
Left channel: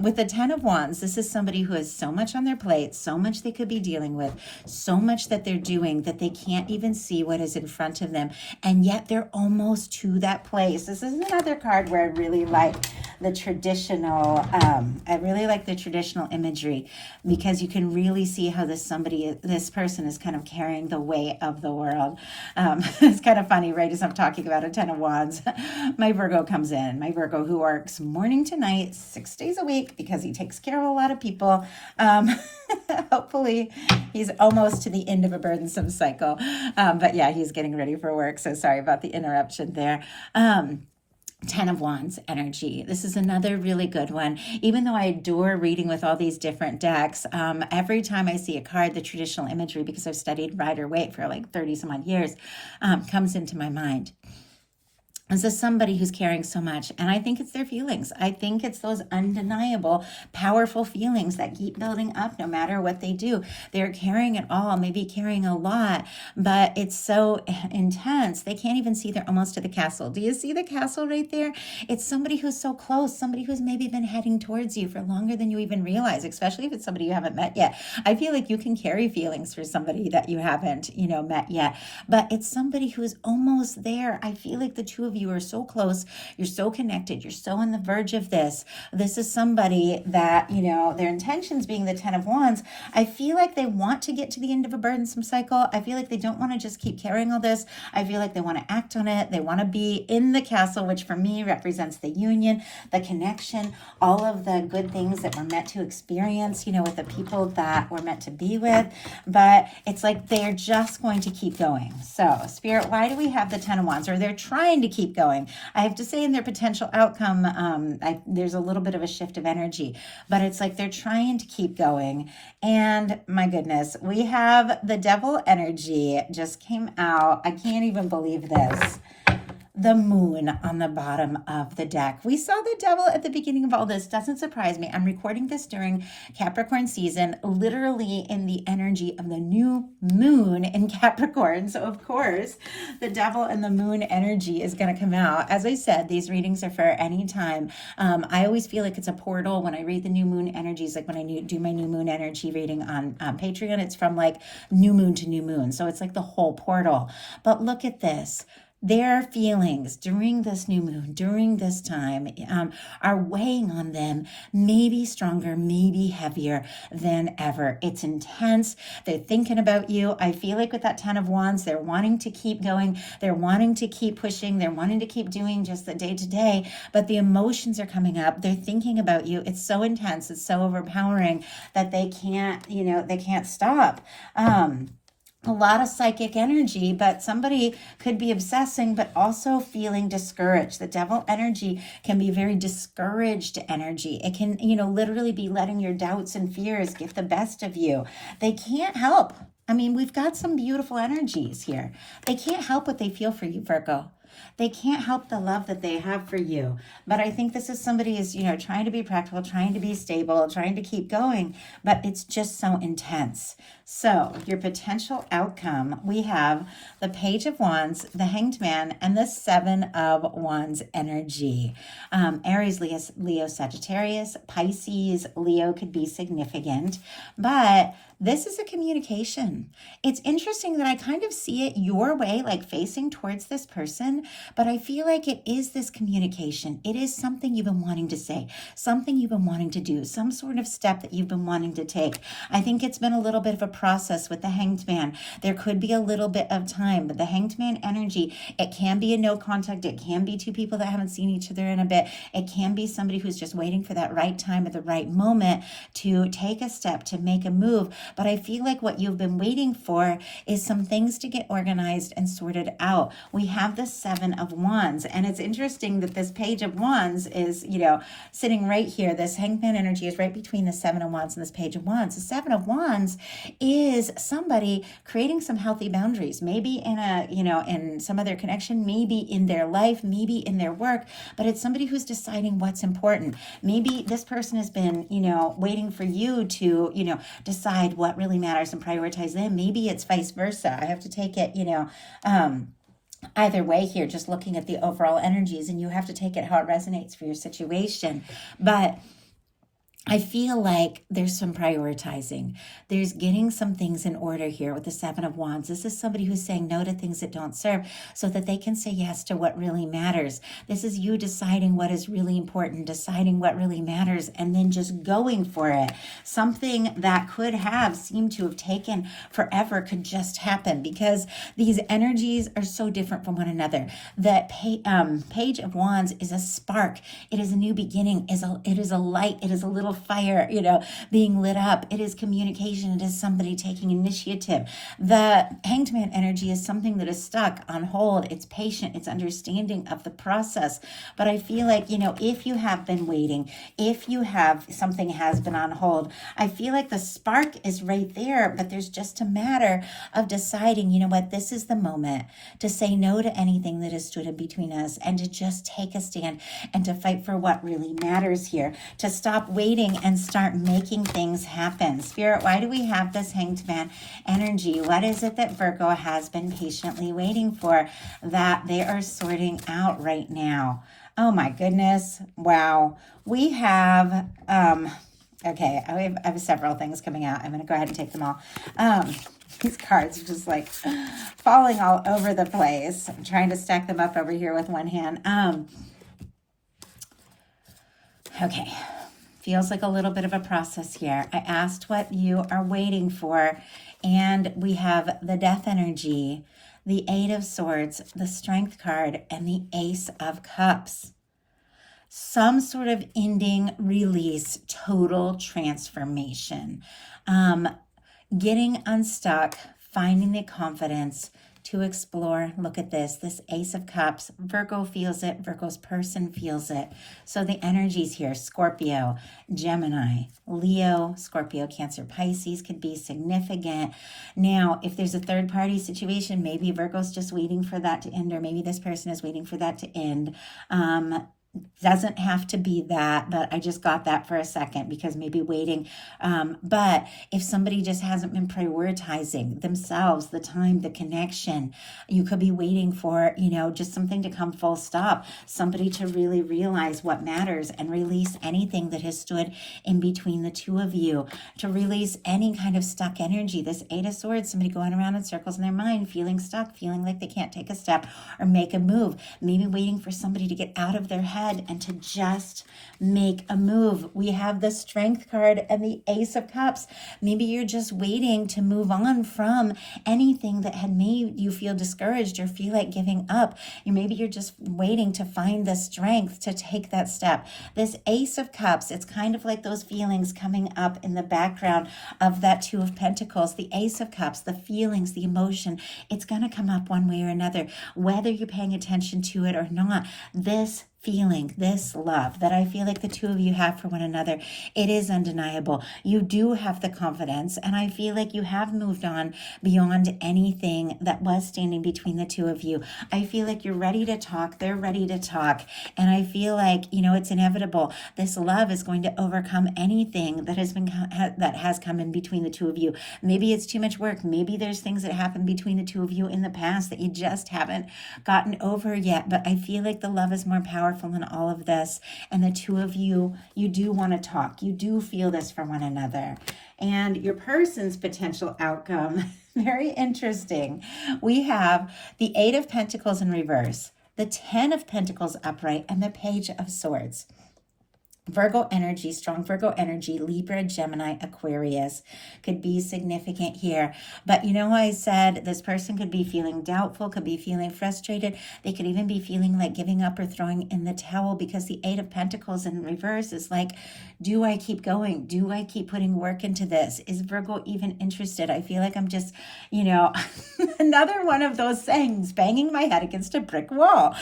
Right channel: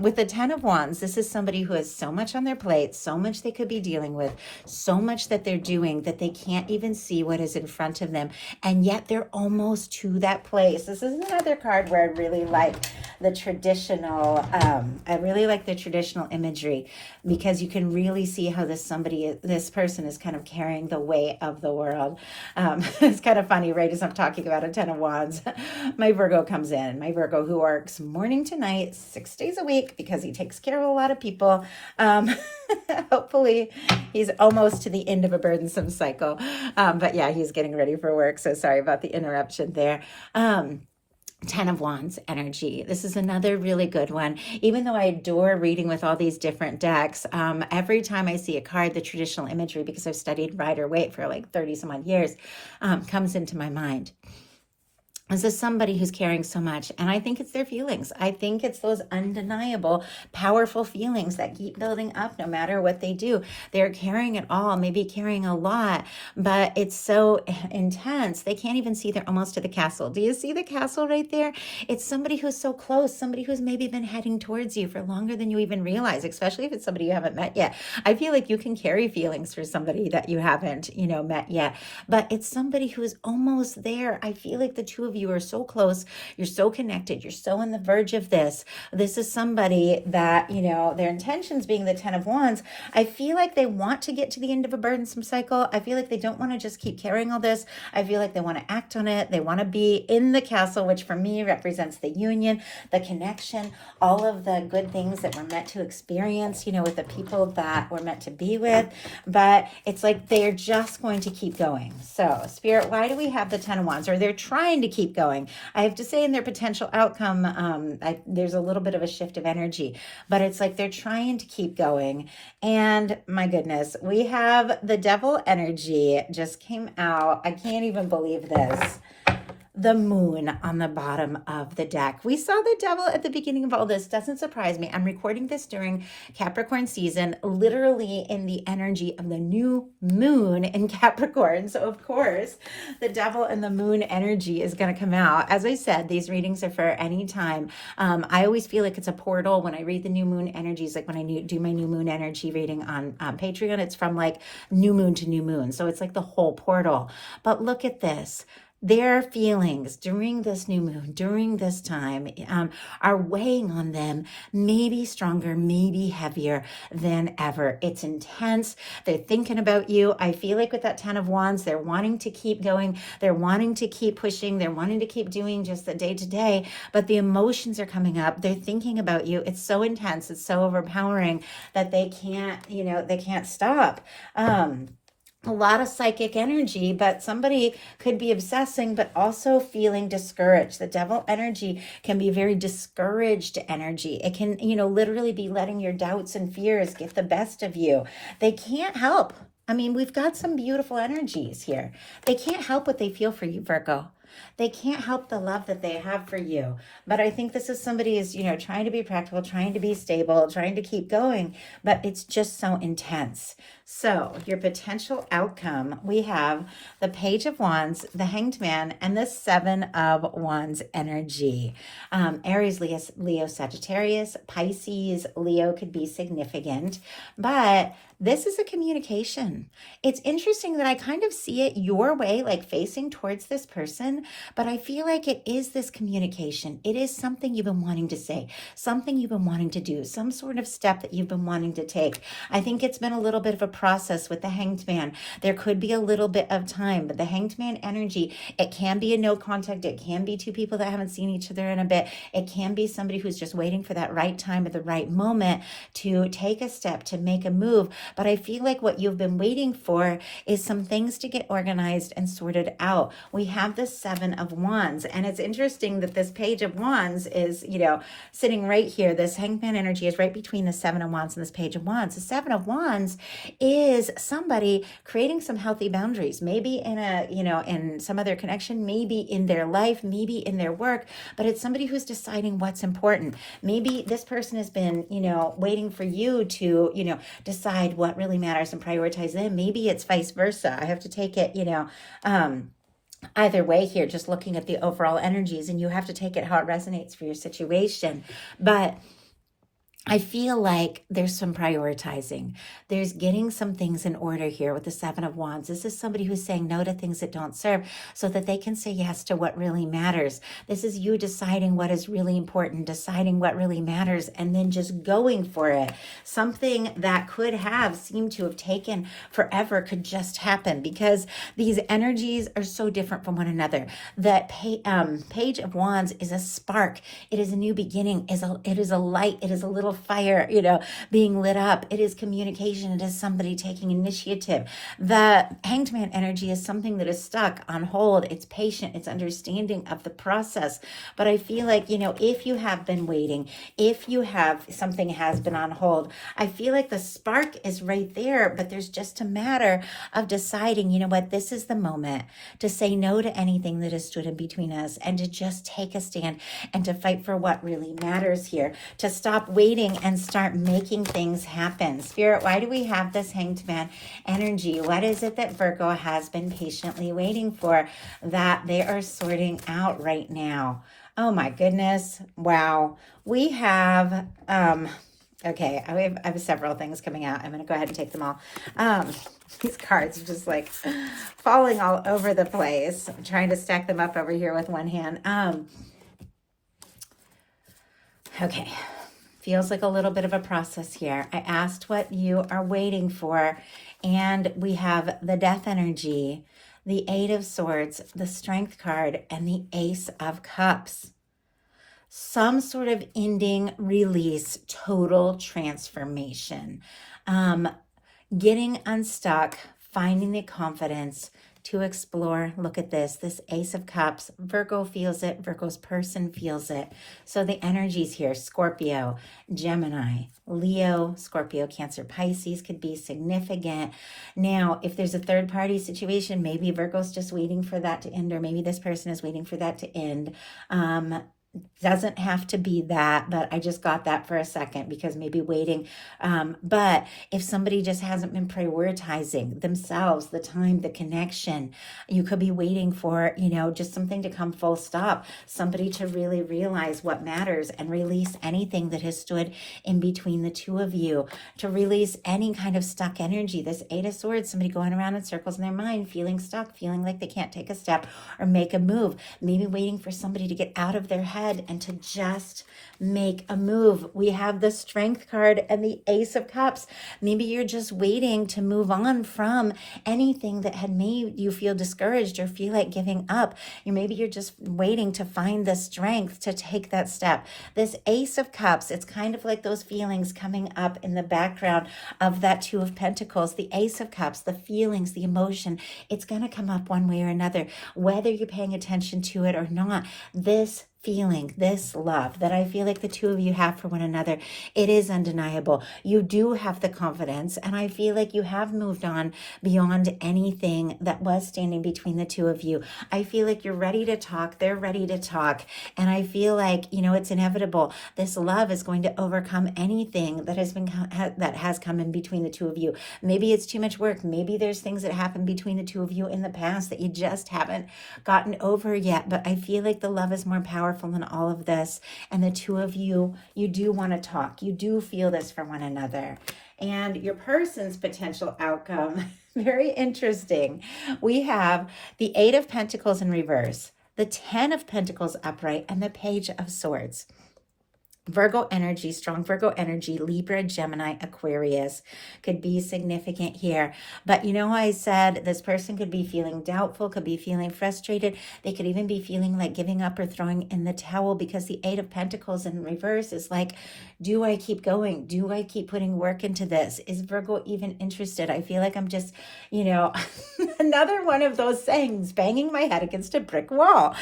with the 10 of Wands, this is somebody who has so much on their plate, so much they could be dealing with, so much that they're doing that they can't even see what is in front of them. And yet they're almost to that place. This is another card where I really like the traditional, imagery, because you can really see how this person is kind of carrying the weight of the world. It's kind of funny, right? As I'm talking about a 10 of Wands, my Virgo comes in, my Virgo who works morning to night, 6 days a week, because he takes care of a lot of people. Hopefully he's almost to the end of a burdensome cycle. But yeah, he's getting ready for work. So sorry about the interruption there. 10 of Wands energy. This is another really good one. Even though I adore reading with all these different decks, every time I see a card, the traditional imagery, because I've studied Rider-Waite for like 30 some odd years, comes into my mind. This is somebody who's carrying so much, and I think it's their feelings. I think it's those undeniable, powerful feelings that keep building up no matter what they do. They're carrying it all, maybe carrying a lot, but it's so intense. They can't even see they're almost to the castle. Do you see the castle right there? It's somebody who's so close, somebody who's maybe been heading towards you for longer than you even realize, especially if it's somebody you haven't met yet. I feel like you can carry feelings for somebody that you haven't, met yet, but it's somebody who's almost there. I feel like the two of you are so close, you're so connected, you're so on the verge of this. This is somebody that, their intentions being the 10 of Wands, I feel like they want to get to the end of a burdensome cycle. I feel like they don't want to just keep carrying all this. I feel like they want to act on it. They want to be in the castle, which for me represents the union, the connection, all of the good things that we're meant to experience, with the people that we're meant to be with. But it's like they're just going to keep going. So Spirit, why do we have the 10 of Wands? Or they're trying to keep going. I have to say in their potential outcome, there's a little bit of a shift of energy, but it's like they're trying to keep going. And my goodness, we have the Devil energy just came out. I can't even believe this. The moon on the bottom of the deck. We saw the devil at the beginning of all this. Doesn't surprise me. I'm recording this during Capricorn season, literally in the energy of the new moon in Capricorn. So of course, the devil and the moon energy is going to come out. As I said, these readings are for any time. I always feel like it's a portal when I read the new moon energies, like when I do my new moon energy reading on Patreon, it's from like new moon to new moon. So it's like the whole portal. But look at this. Their feelings during this new moon, during this time, are weighing on them, maybe stronger, maybe heavier than ever. It's intense. They're thinking about you. I feel like with that 10 of Wands, they're wanting to keep going. They're wanting to keep pushing. They're wanting to keep doing just the day to day, but the emotions are coming up. They're thinking about you. It's so intense. It's so overpowering that they can't, they can't stop. A lot of psychic energy, but somebody could be obsessing, but also feeling discouraged. The devil energy can be very discouraged energy. It can, literally be letting your doubts and fears get the best of you. They can't help. I mean, we've got some beautiful energies here. They can't help what they feel for you, Virgo. They can't help the love that they have for you. But I think this is somebody who's, trying to be practical, trying to be stable, trying to keep going, but it's just so intense. So your potential outcome, we have the Page of Wands, the Hanged Man, and the 7 of Wands energy. Aries, Leo, Sagittarius, Pisces, Leo could be significant, but this is a communication. It's interesting that I kind of see it your way, like facing towards this person, but I feel like it is this communication. It is something you've been wanting to say, something you've been wanting to do, some sort of step that you've been wanting to take. I think it's been a little bit of a process with the Hanged Man. There could be a little bit of time, but the Hanged Man energy, it can be a no contact. It can be two people that haven't seen each other in a bit. It can be somebody who's just waiting for that right time at the right moment to take a step, to make a move. But I feel like what you've been waiting for is some things to get organized and sorted out. We have the Seven of Wands, and it's interesting that this Page of Wands is, sitting right here. This Hanged Man energy is right between the Seven of Wands and this Page of Wands. The Seven of Wands is somebody creating some healthy boundaries, maybe in in some other connection, maybe in their life, maybe in their work, but it's somebody who's deciding what's important. Maybe this person has been, waiting for you to, decide what really matters and prioritize them. Maybe it's vice versa. I have to take it, either way here, just looking at the overall energies, and you have to take it how it resonates for your situation. But I feel like there's some prioritizing. There's getting some things in order here with the Seven of Wands. This is somebody who's saying no to things that don't serve so that they can say yes to what really matters. This is you deciding what is really important, deciding what really matters, and then just going for it. Something that could have seemed to have taken forever could just happen because these energies are so different from one another. The Page of Wands is a spark. It is a new beginning. It is a light. It is a little fire, being lit up. It is communication. It is somebody taking initiative. The Hanged Man energy is something that is stuck on hold. It's patient. It's understanding of the process. But I feel like, if you have been waiting, if you have something has been on hold, I feel like the spark is right there, but there's just a matter of deciding, this is the moment to say no to anything that has stood in between us and to just take a stand and to fight for what really matters here, to stop waiting and start making things happen. Spirit, why do we have this Hanged Man energy? What is it that Virgo has been patiently waiting for that they are sorting out right now? Oh my goodness. Wow. We have, okay, I have several things coming out. I'm going to go ahead and take them all. These cards are just like falling all over the place. I'm trying to stack them up over here with one hand. Okay. Feels like a little bit of a process here. I asked what you are waiting for, and we have the Death energy, the Eight of Swords, the Strength card, and the Ace of Cups. Some sort of ending, release, total transformation. Getting unstuck, finding the confidence to explore. Look at this Ace of Cups. Virgo feels it. Virgo's person feels it. So the energies here, Scorpio, Gemini, Leo, Scorpio, Cancer, Pisces could be significant. Now, if there's a third party situation, maybe Virgo's just waiting for that to end, or maybe this person is waiting for that to end. Doesn't have to be that, but I just got that for a second because maybe waiting. But if somebody just hasn't been prioritizing themselves, the time, the connection, you could be waiting for, just something to come full stop, somebody to really realize what matters and release anything that has stood in between the two of you, to release any kind of stuck energy. This Eight of Swords, somebody going around in circles in their mind, feeling stuck, feeling like they can't take a step or make a move, maybe waiting for somebody to get out of their head and to just make a move. We have the Strength card and the Ace of Cups. Maybe you're just waiting to move on from anything that had made you feel discouraged or feel like giving up. Maybe you're just waiting to find the strength to take that step. This Ace of Cups, it's kind of like those feelings coming up in the background of that Two of Pentacles. The Ace of Cups, the feelings, the emotion, it's going to come up one way or another, whether you're paying attention to it or not. This feeling, this love that I feel like the two of you have for one another, it is undeniable. You do have the confidence, and I feel like you have moved on beyond anything that was standing between the two of you. I feel like you're ready to talk, they're ready to talk, and I feel like, it's inevitable. This love is going to overcome anything that has come in between the two of you. Maybe it's too much work. Maybe there's things that happened between the two of you in the past that you just haven't gotten over yet, but I feel like the love is more powerful than all of this, and the two of you do want to talk. You do feel this for one another. And your person's potential outcome, very interesting. We have the Eight of Pentacles in reverse, the 10 of Pentacles upright, and the Page of Swords. Virgo energy, strong Virgo energy, Libra, Gemini, Aquarius could be significant here. But you know, I said this person could be feeling doubtful, could be feeling frustrated. They could even be feeling like giving up or throwing in the towel, because the Eight of Pentacles in reverse is like, do I keep going? Do I keep putting work into this? Is Virgo even interested? I feel like I'm just, another one of those sayings, banging my head against a brick wall.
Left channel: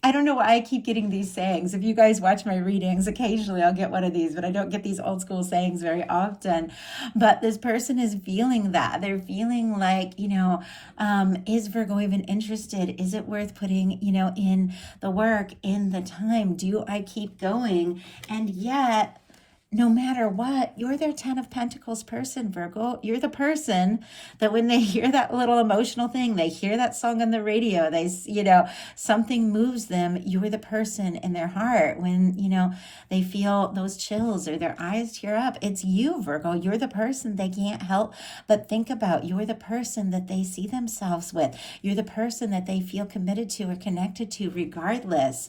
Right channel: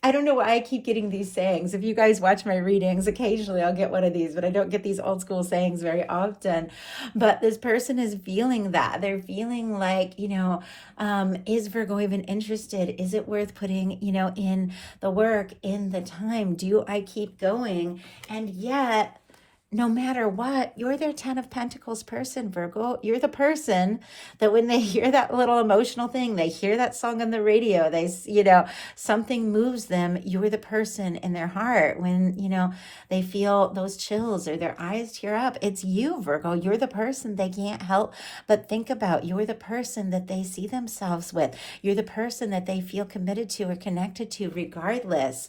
I don't know why I keep getting these sayings. If you guys watch my readings, occasionally I'll get one of these, but I don't get these old school sayings very often. But this person is feeling that. They're feeling like, is Virgo even interested? Is it worth putting, in the work, in the time? Do I keep going? And yet, no matter what, you're their 10 of Pentacles person, Virgo. You're the person that when they hear that little emotional thing, they hear that song on the radio, something moves them. You're the person in their heart when, they feel those chills or their eyes tear up. It's you, Virgo. You're the person they can't help but think about. You're the person that they see themselves with. You're the person that they feel committed to or connected to regardless.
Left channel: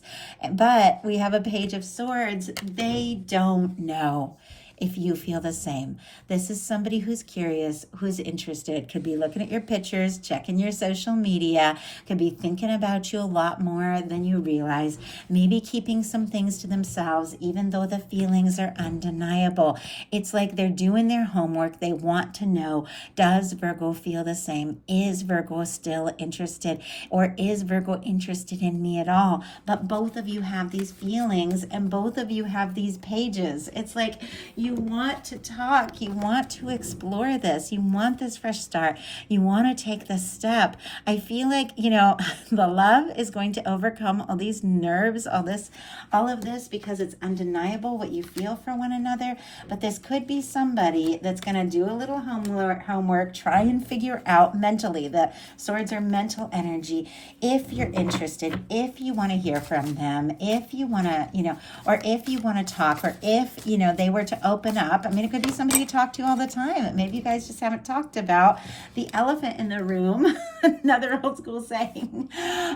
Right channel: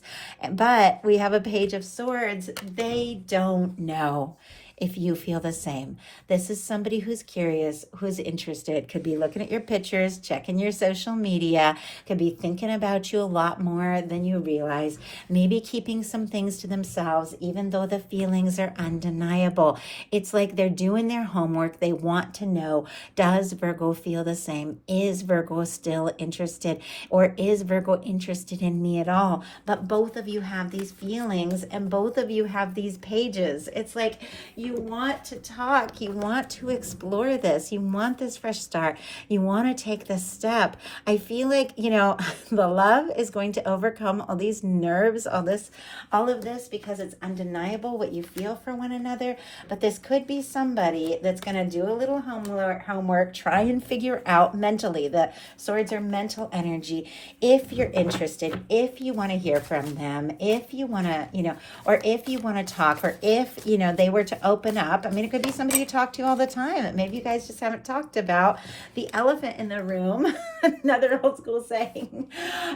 But we have a Page of Swords. They don't know if you feel the same. This is somebody who's curious, who's interested, could be looking at your pictures, checking your social media, could be thinking about you a lot more than you realize, maybe keeping some things to themselves, even though the feelings are undeniable. It's like they're doing their homework. They want to know, does Virgo feel the same? Is Virgo still interested? Or is Virgo interested in me at all? But both of you have these feelings and both of you have these pages. It's like you want to talk. You want to explore this. You want this fresh start. You want to take this step. I feel like, the love is going to overcome all these nerves, all of this, because it's undeniable what you feel for one another. But this could be somebody that's going to do a little homework, try and figure out mentally. The swords are mental energy. If you're interested, if you want to hear from them, if you want to, or if you want to talk, or if, they were to open up. I mean, it could be somebody you talk to all the time. Maybe you guys just haven't talked about the elephant in the room, another old school saying,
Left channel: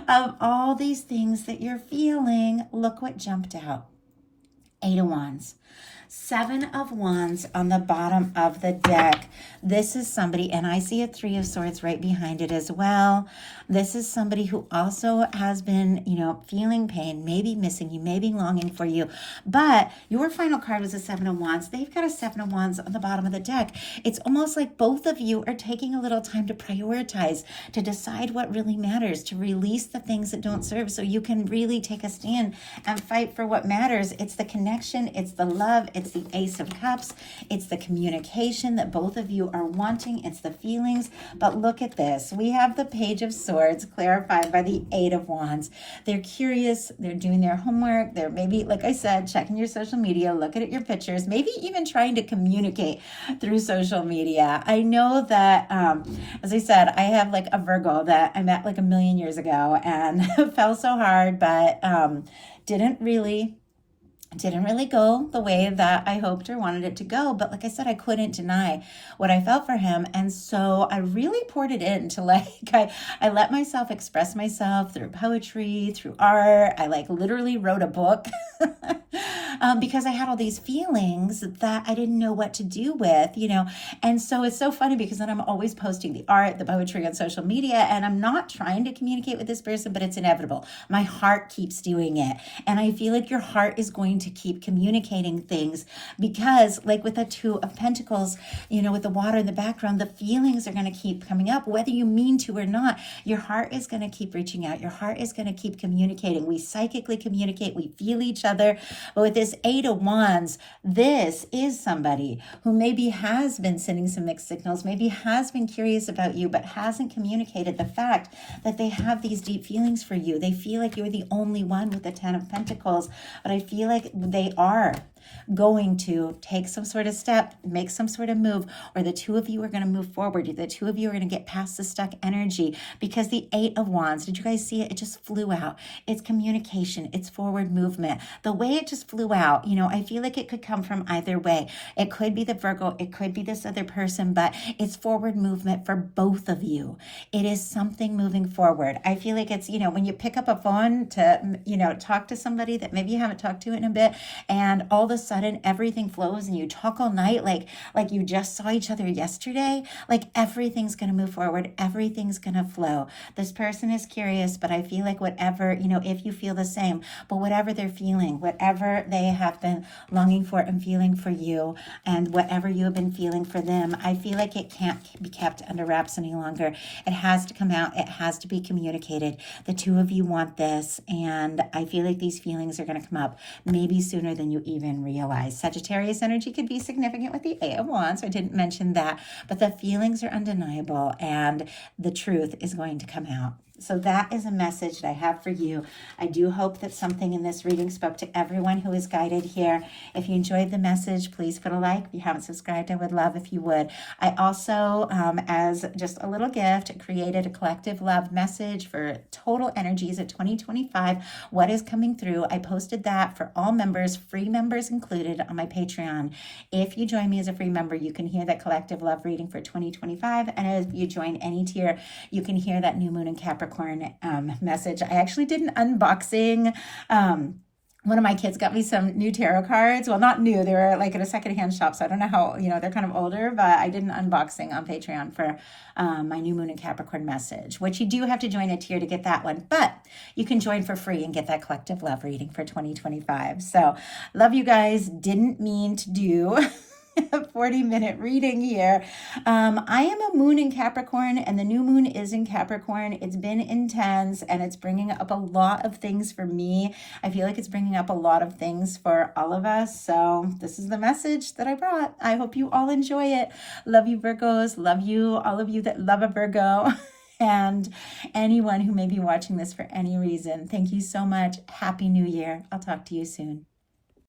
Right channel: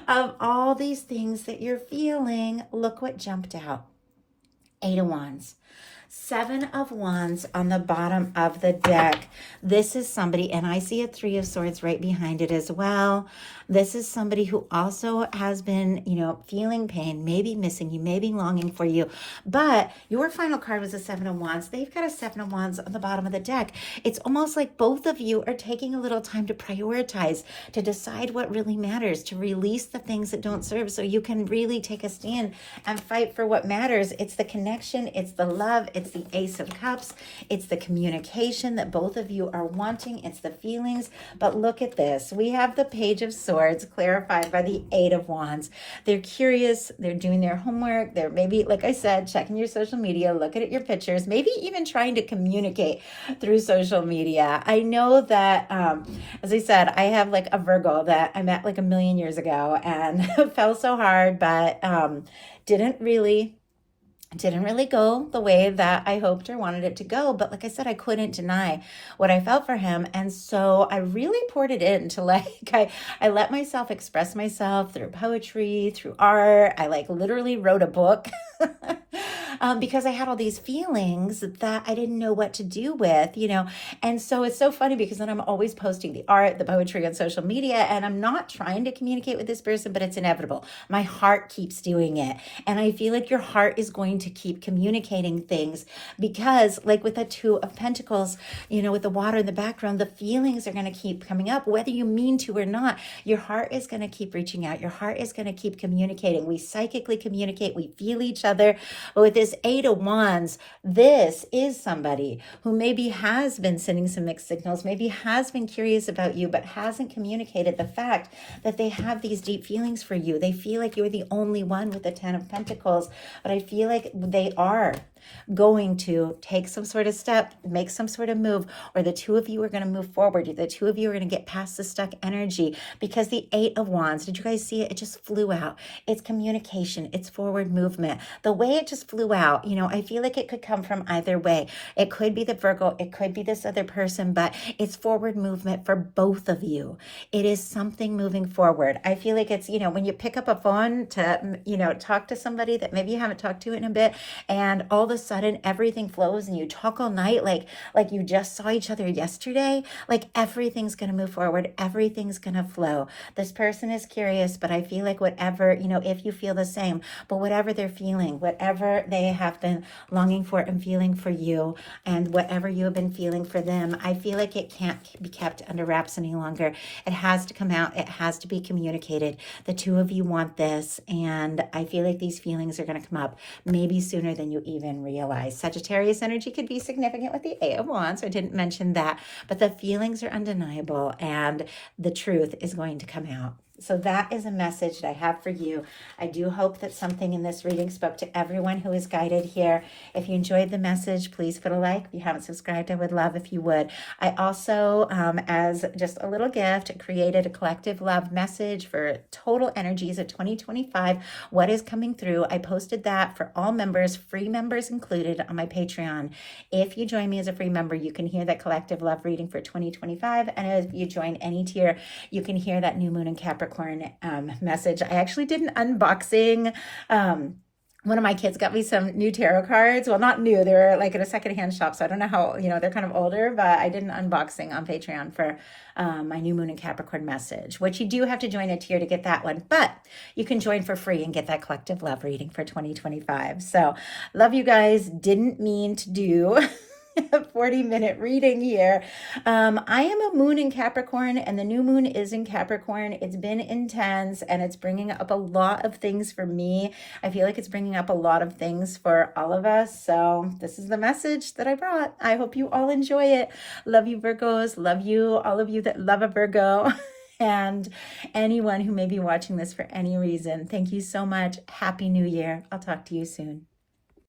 of all these things that you're feeling. Look what jumped out. 8 of Wands. 7 of Wands on the bottom of the deck. This is somebody, and I see a 3 of Swords right behind it as well. This is somebody who also has been, feeling pain, maybe missing you, maybe longing for you. But your final card was a 7 of Wands. They've got a 7 of Wands on the bottom of the deck. It's almost like both of you are taking a little time to prioritize, to decide what really matters, to release the things that don't serve so you can really take a stand and fight for what matters. It's the connection. It's the love. It's the Ace of Cups. It's the communication that both of you are wanting. It's the feelings. But look at this. We have the Page of Swords clarified by the 8 of Wands. They're curious. They're doing their homework. They're maybe, like I said, checking your social media, looking at your pictures, maybe even trying to communicate through social media. I know that, as I said, I have like a Virgo that I met like a million years ago and fell so hard, but didn't really go the way that I hoped or wanted it to go. But like I said, I couldn't deny what I felt for him. And so I really poured it into I let myself express myself through poetry, through art. I literally wrote a book because I had all these feelings that I didn't know what to do with, And so it's so funny because then I'm always posting the art, the poetry on social media, and I'm not trying to communicate with this person, but it's inevitable. My heart keeps doing it. And I feel like your heart is going to keep communicating things because like with the 2 of Pentacles, with the water in the background, the feelings are going to keep coming up, whether you mean to or not. Your heart is going to keep reaching out. Your heart is going to keep communicating. We psychically communicate. We feel each other. But with this 8 of Wands, this is somebody who maybe has been sending some mixed signals, maybe has been curious about you, but hasn't communicated the fact that they have these deep feelings for you. They feel like you're the only one with the 10 of Pentacles, but I feel like they are. going to take some sort of step, make some sort of move, or the two of you are going to move forward. The two of you are going to get past the stuck energy, because the Eight of Wands, did you guys see it? It just flew out. It's communication. It's forward movement. The way it just flew out, I feel like it could come from either way. It could be the Virgo. It could be this other person, but it's forward movement for both of you. It is something moving forward. I feel like it's, when you pick up a phone to, talk to somebody that maybe you haven't talked to in a bit, and all of a sudden everything flows and you talk all night like you just saw each other yesterday. Like everything's going to move forward. Everything's going to flow. This person is curious, but I feel like whatever, if you feel the same, but whatever they're feeling, whatever they have been longing for and feeling for you, and whatever you have been feeling for them, I feel like it can't be kept under wraps any longer. It has to come out. It has to be communicated. The two of you want this, and I feel like these feelings are going to come up maybe sooner than you even realize. Sagittarius energy could be significant with the Eight of Wands, so I didn't mention that, but the feelings are undeniable, and the truth is going to come out. So that is a message that I have for you. I do hope that something in this reading spoke to everyone who is guided here. If you enjoyed the message, please put a like. If you haven't subscribed, I would love if you would. I also, as just a little gift, created a collective love message for total energies of 2025. What is coming through? I posted that for all members, free members included, on my Patreon. If you join me as a free member, you can hear that collective love reading for 2025. And if you join any tier, you can hear that new moon in Capricorn message. I actually did an unboxing. One of my kids got me some new tarot cards. Well, not new. They're like at a secondhand shop, so I don't know how, they're kind of older, but I did an unboxing on Patreon for my new moon in Capricorn message, which you do have to join a tier to get that one, but you can join for free and get that collective love reading for 2025. So love you guys. Didn't mean to do a 40-minute reading here. I am a moon in Capricorn, and the new moon is in Capricorn. It's been intense, and it's bringing up a lot of things for me. I feel like it's bringing up a lot of things for all of us. So this is the message that I brought. I hope you all enjoy it. Love you, Virgos. Love you, all of you that love a Virgo. And anyone who may be watching this for any reason, thank you so much. Happy New Year. I'll talk to you soon.